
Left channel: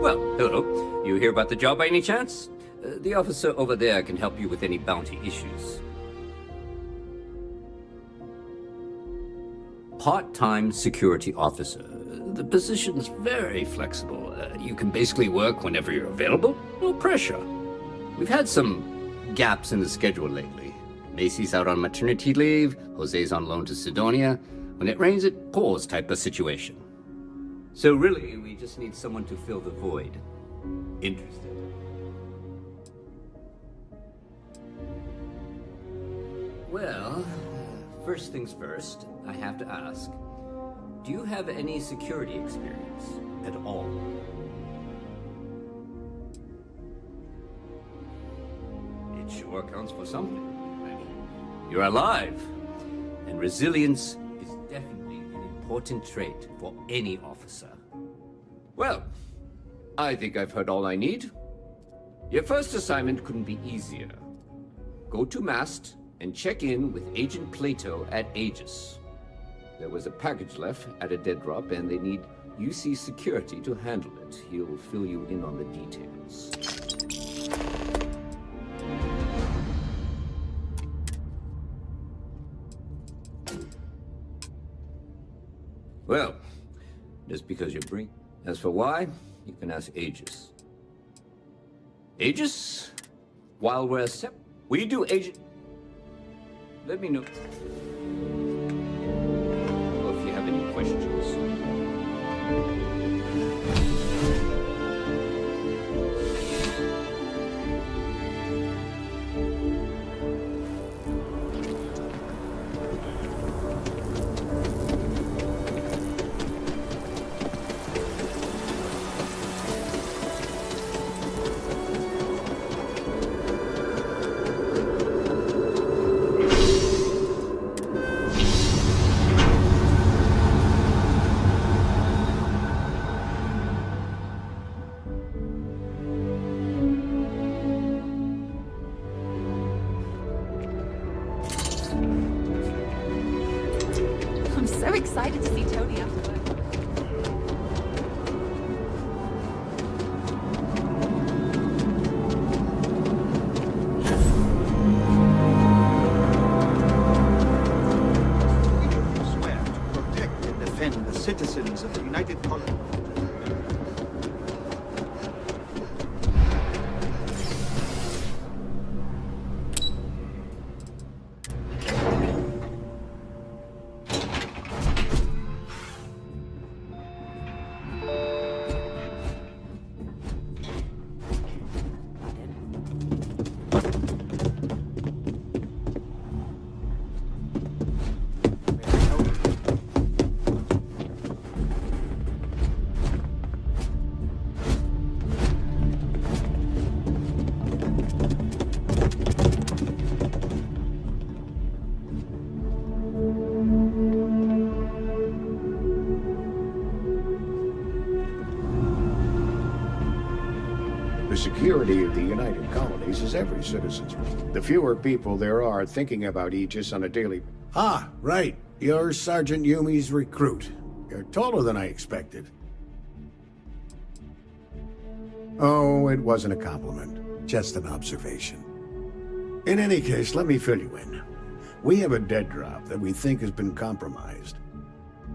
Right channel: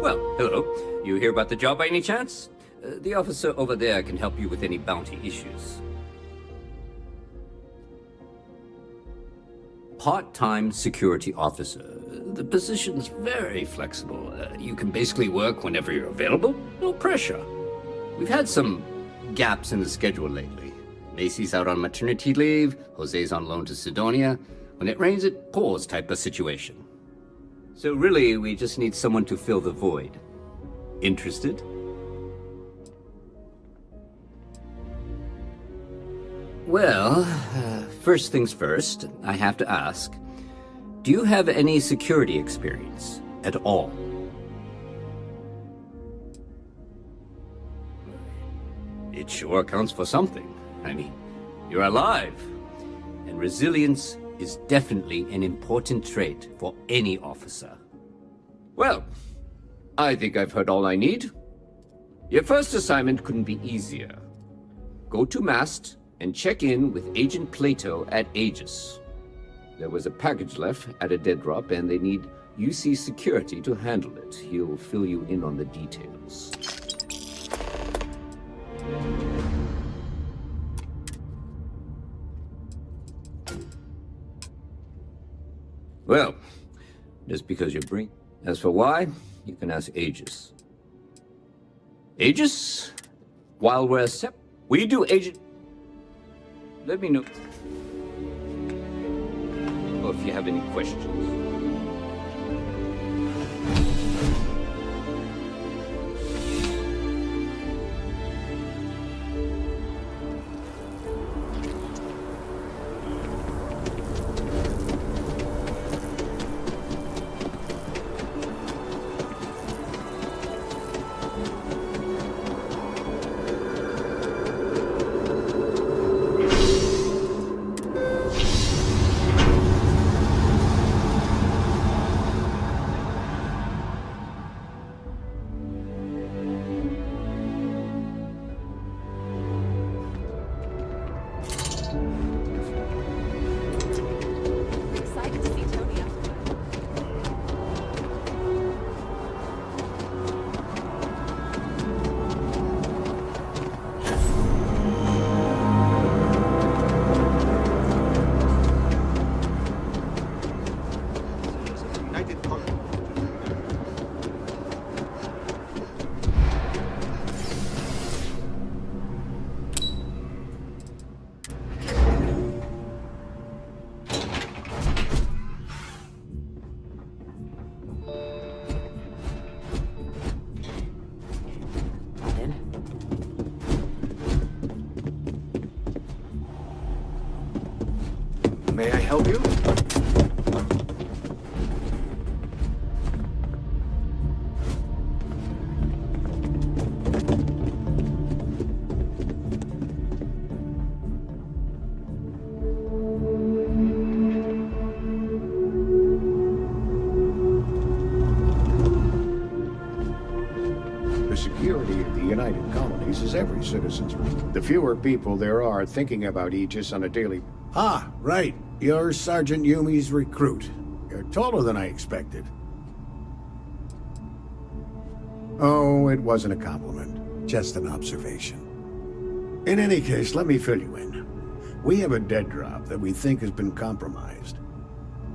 Well, hello. You hear about the job by any chance? The officer over there can help you with any bounty issues. Part-time security officer. The position's very flexible. You can basically work whenever you're available. No pressure. We've had some gaps in the schedule lately. Macy's out on maternity leave. Jose's on loan to Sidonia. When it rains, it pours type of situation. So really, we just need someone to fill the void. Interested? Well, first things first, I have to ask, do you have any security experience at all? It sure counts for something. I mean, you're alive. And resilience is definitely an important trait for any officer. Well, I think I've heard all I need. Your first assignment couldn't be easier. Go to Mast and check in with Agent Plato at Aegis. There was a package left at a dead drop, and they need UC security to handle it. He'll fill you in on the details. Well, just because you bring... As for why, you can ask Aegis. Aegis? While we're we do Agent... Let me know if you have any questions. Excited to see Tony afterward. Defend the citizens of the United Colony. May I help you? The security of the United Colonies is every citizen's right. The fewer people there are thinking about Aegis on a daily... Ah, right. You're Sergeant Yumi's recruit. You're taller than I expected. Oh, it wasn't a compliment. Just an observation. In any case, let me fill you in. We have a dead drop that we think has been compromised.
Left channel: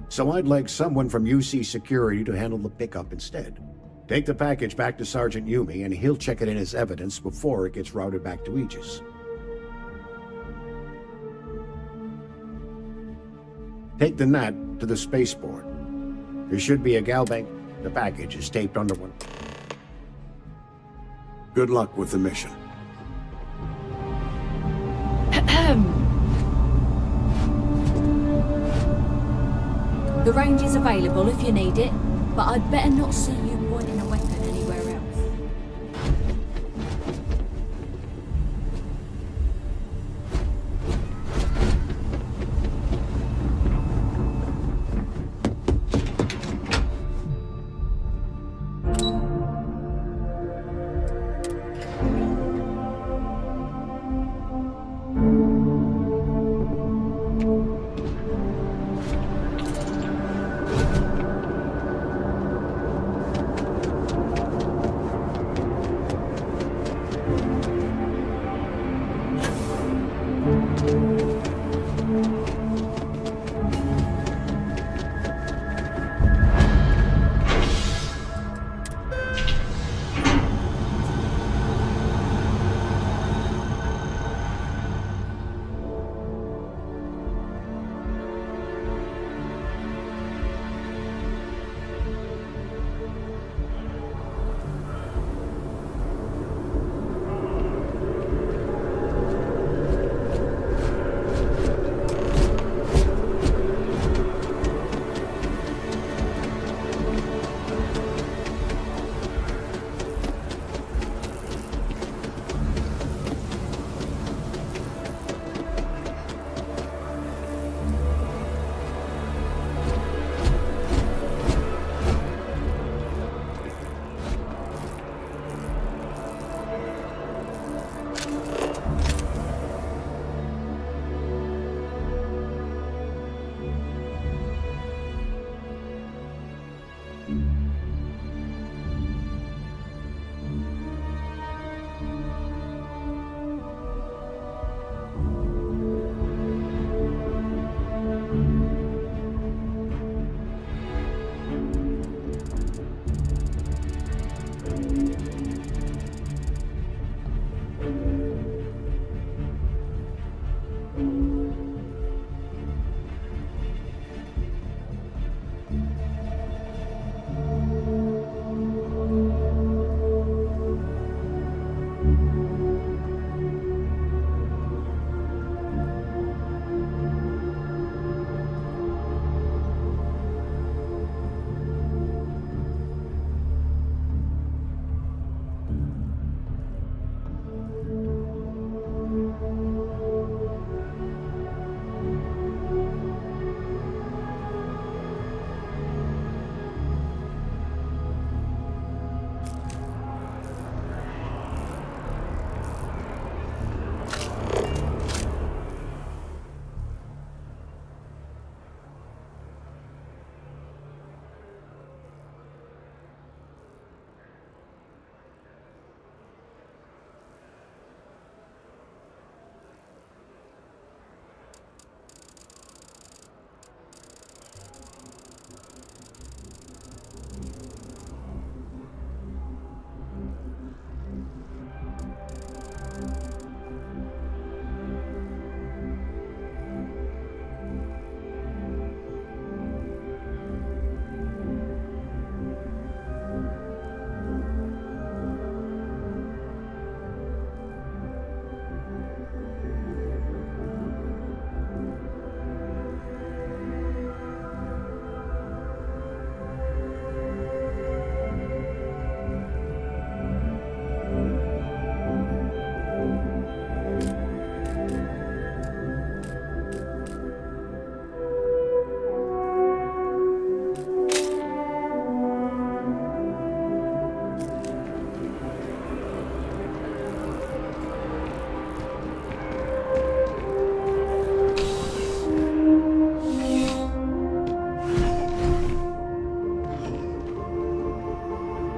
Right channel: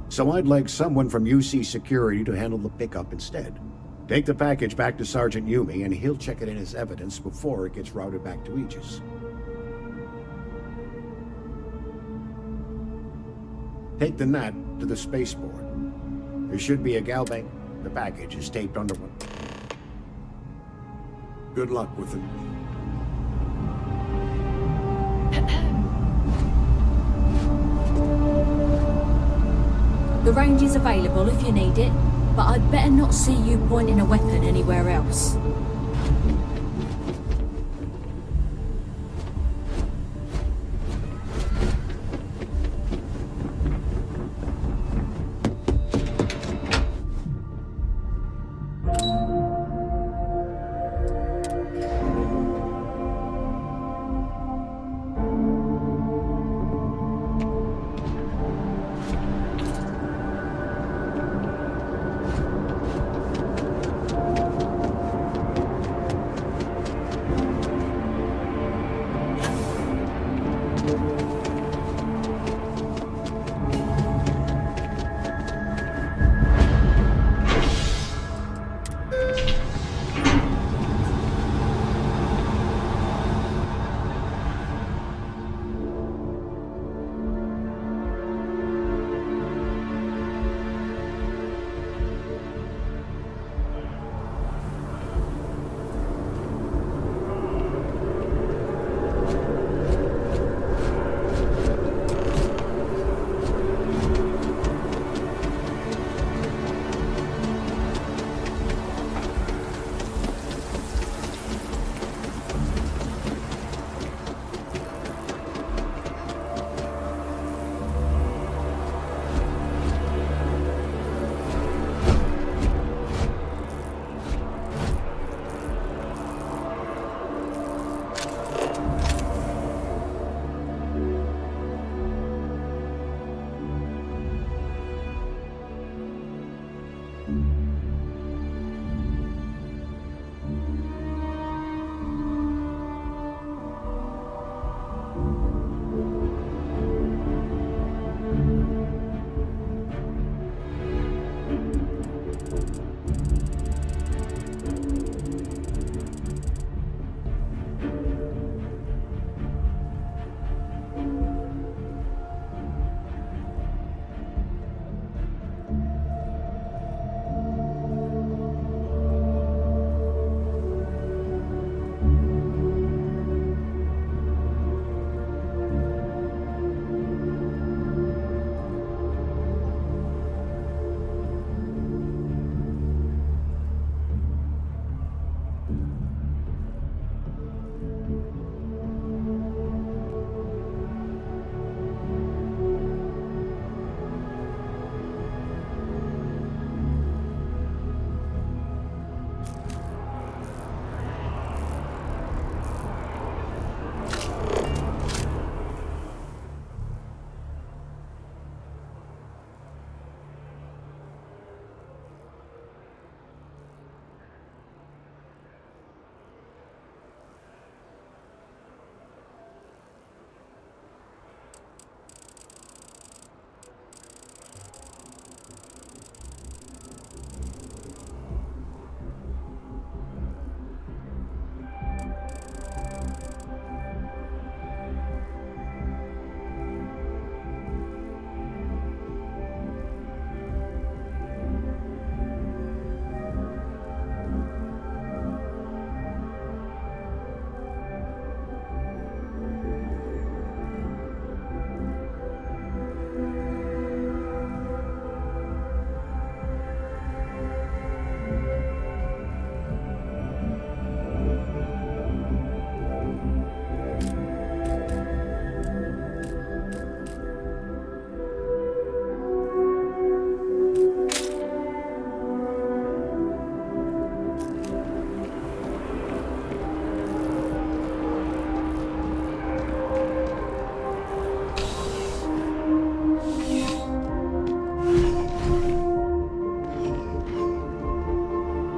So I'd like someone from UC Security to handle the pickup instead. Take the package back to Sergeant Yumi, and he'll check it in as evidence before it gets routed back to Aegis. Take the Nat to the spaceport. There should be a galbank. The package is taped under one. Good luck with the mission. The range is available if you need it, but I'd better not see you pointing a weapon anywhere else.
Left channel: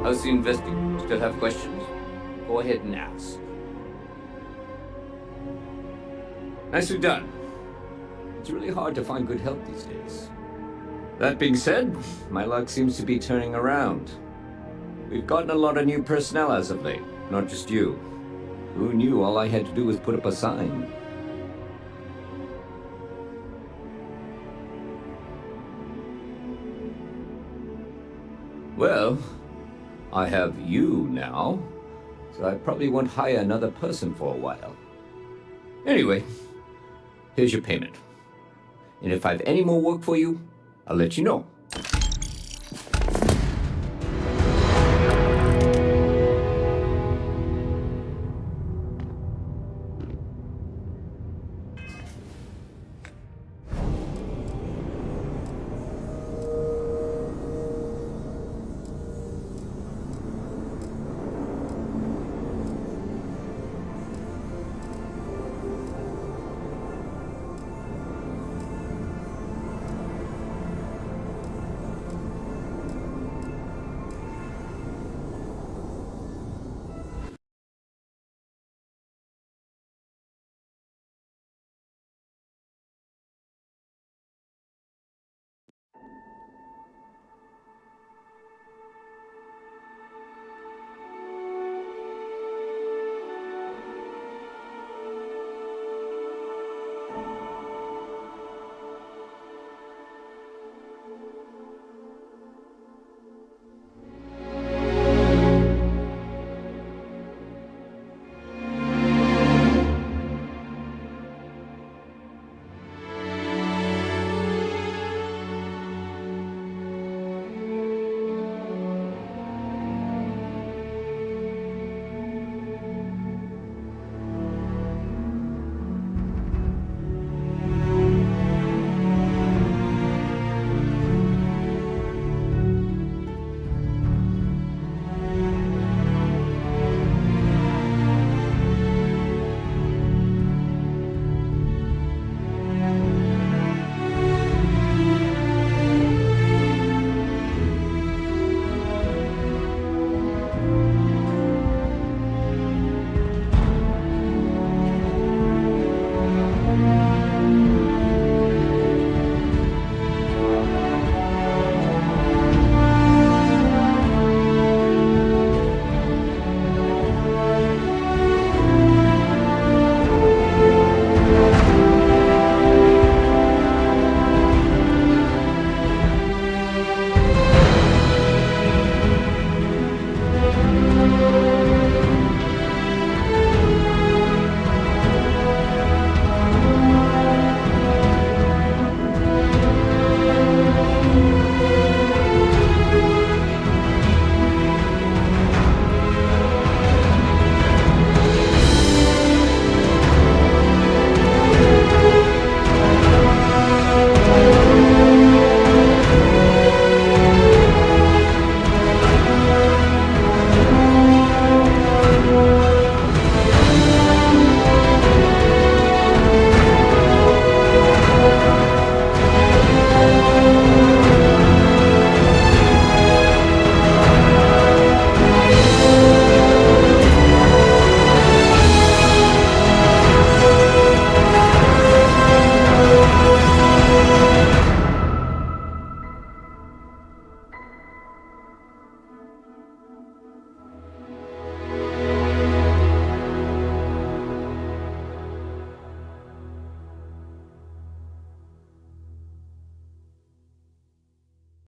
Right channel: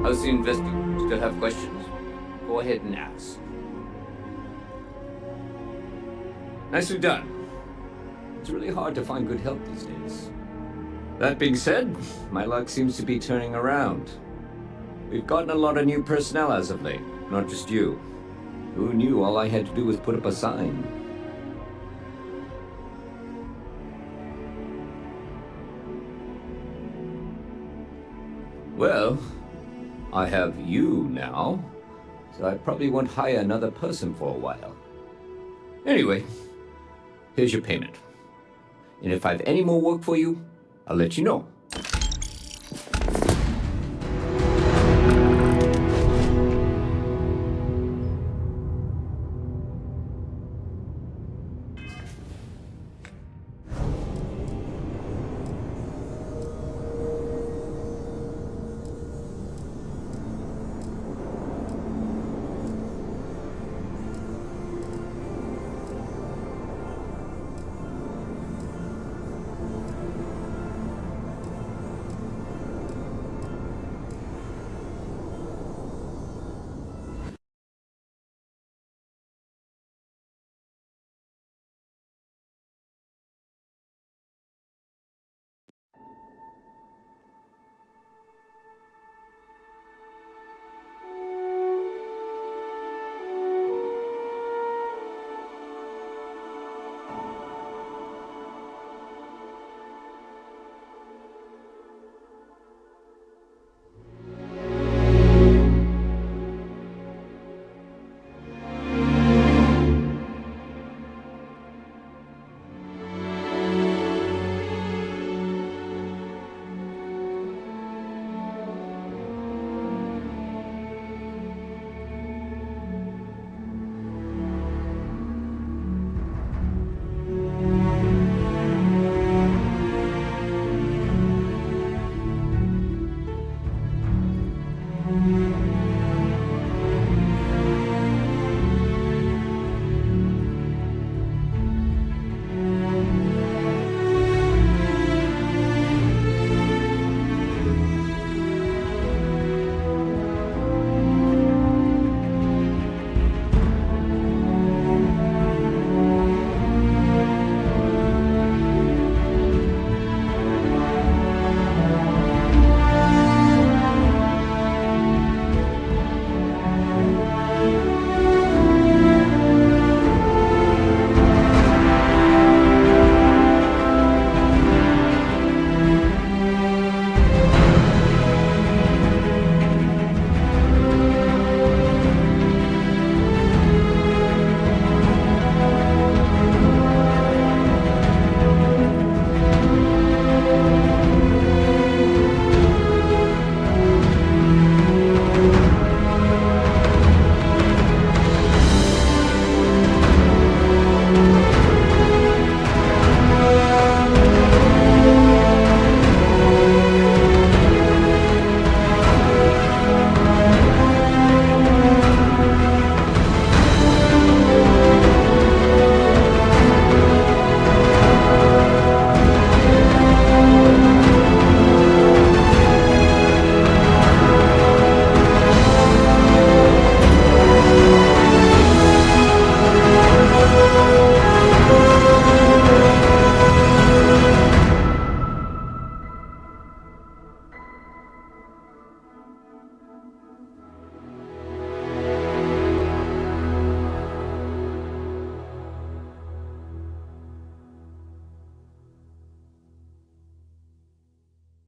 How's the investing? Still have questions? Go ahead and ask. Nicely done. It's really hard to find good help these days. That being said, my luck seems to be turning around. We've gotten a lot of new personnel as of late, not just you. Who knew all I had to do was put up a sign? Well, I have you now, so I probably won't hire another person for a while. Anyway, here's your payment. And if I have any more work for you, I'll let you know.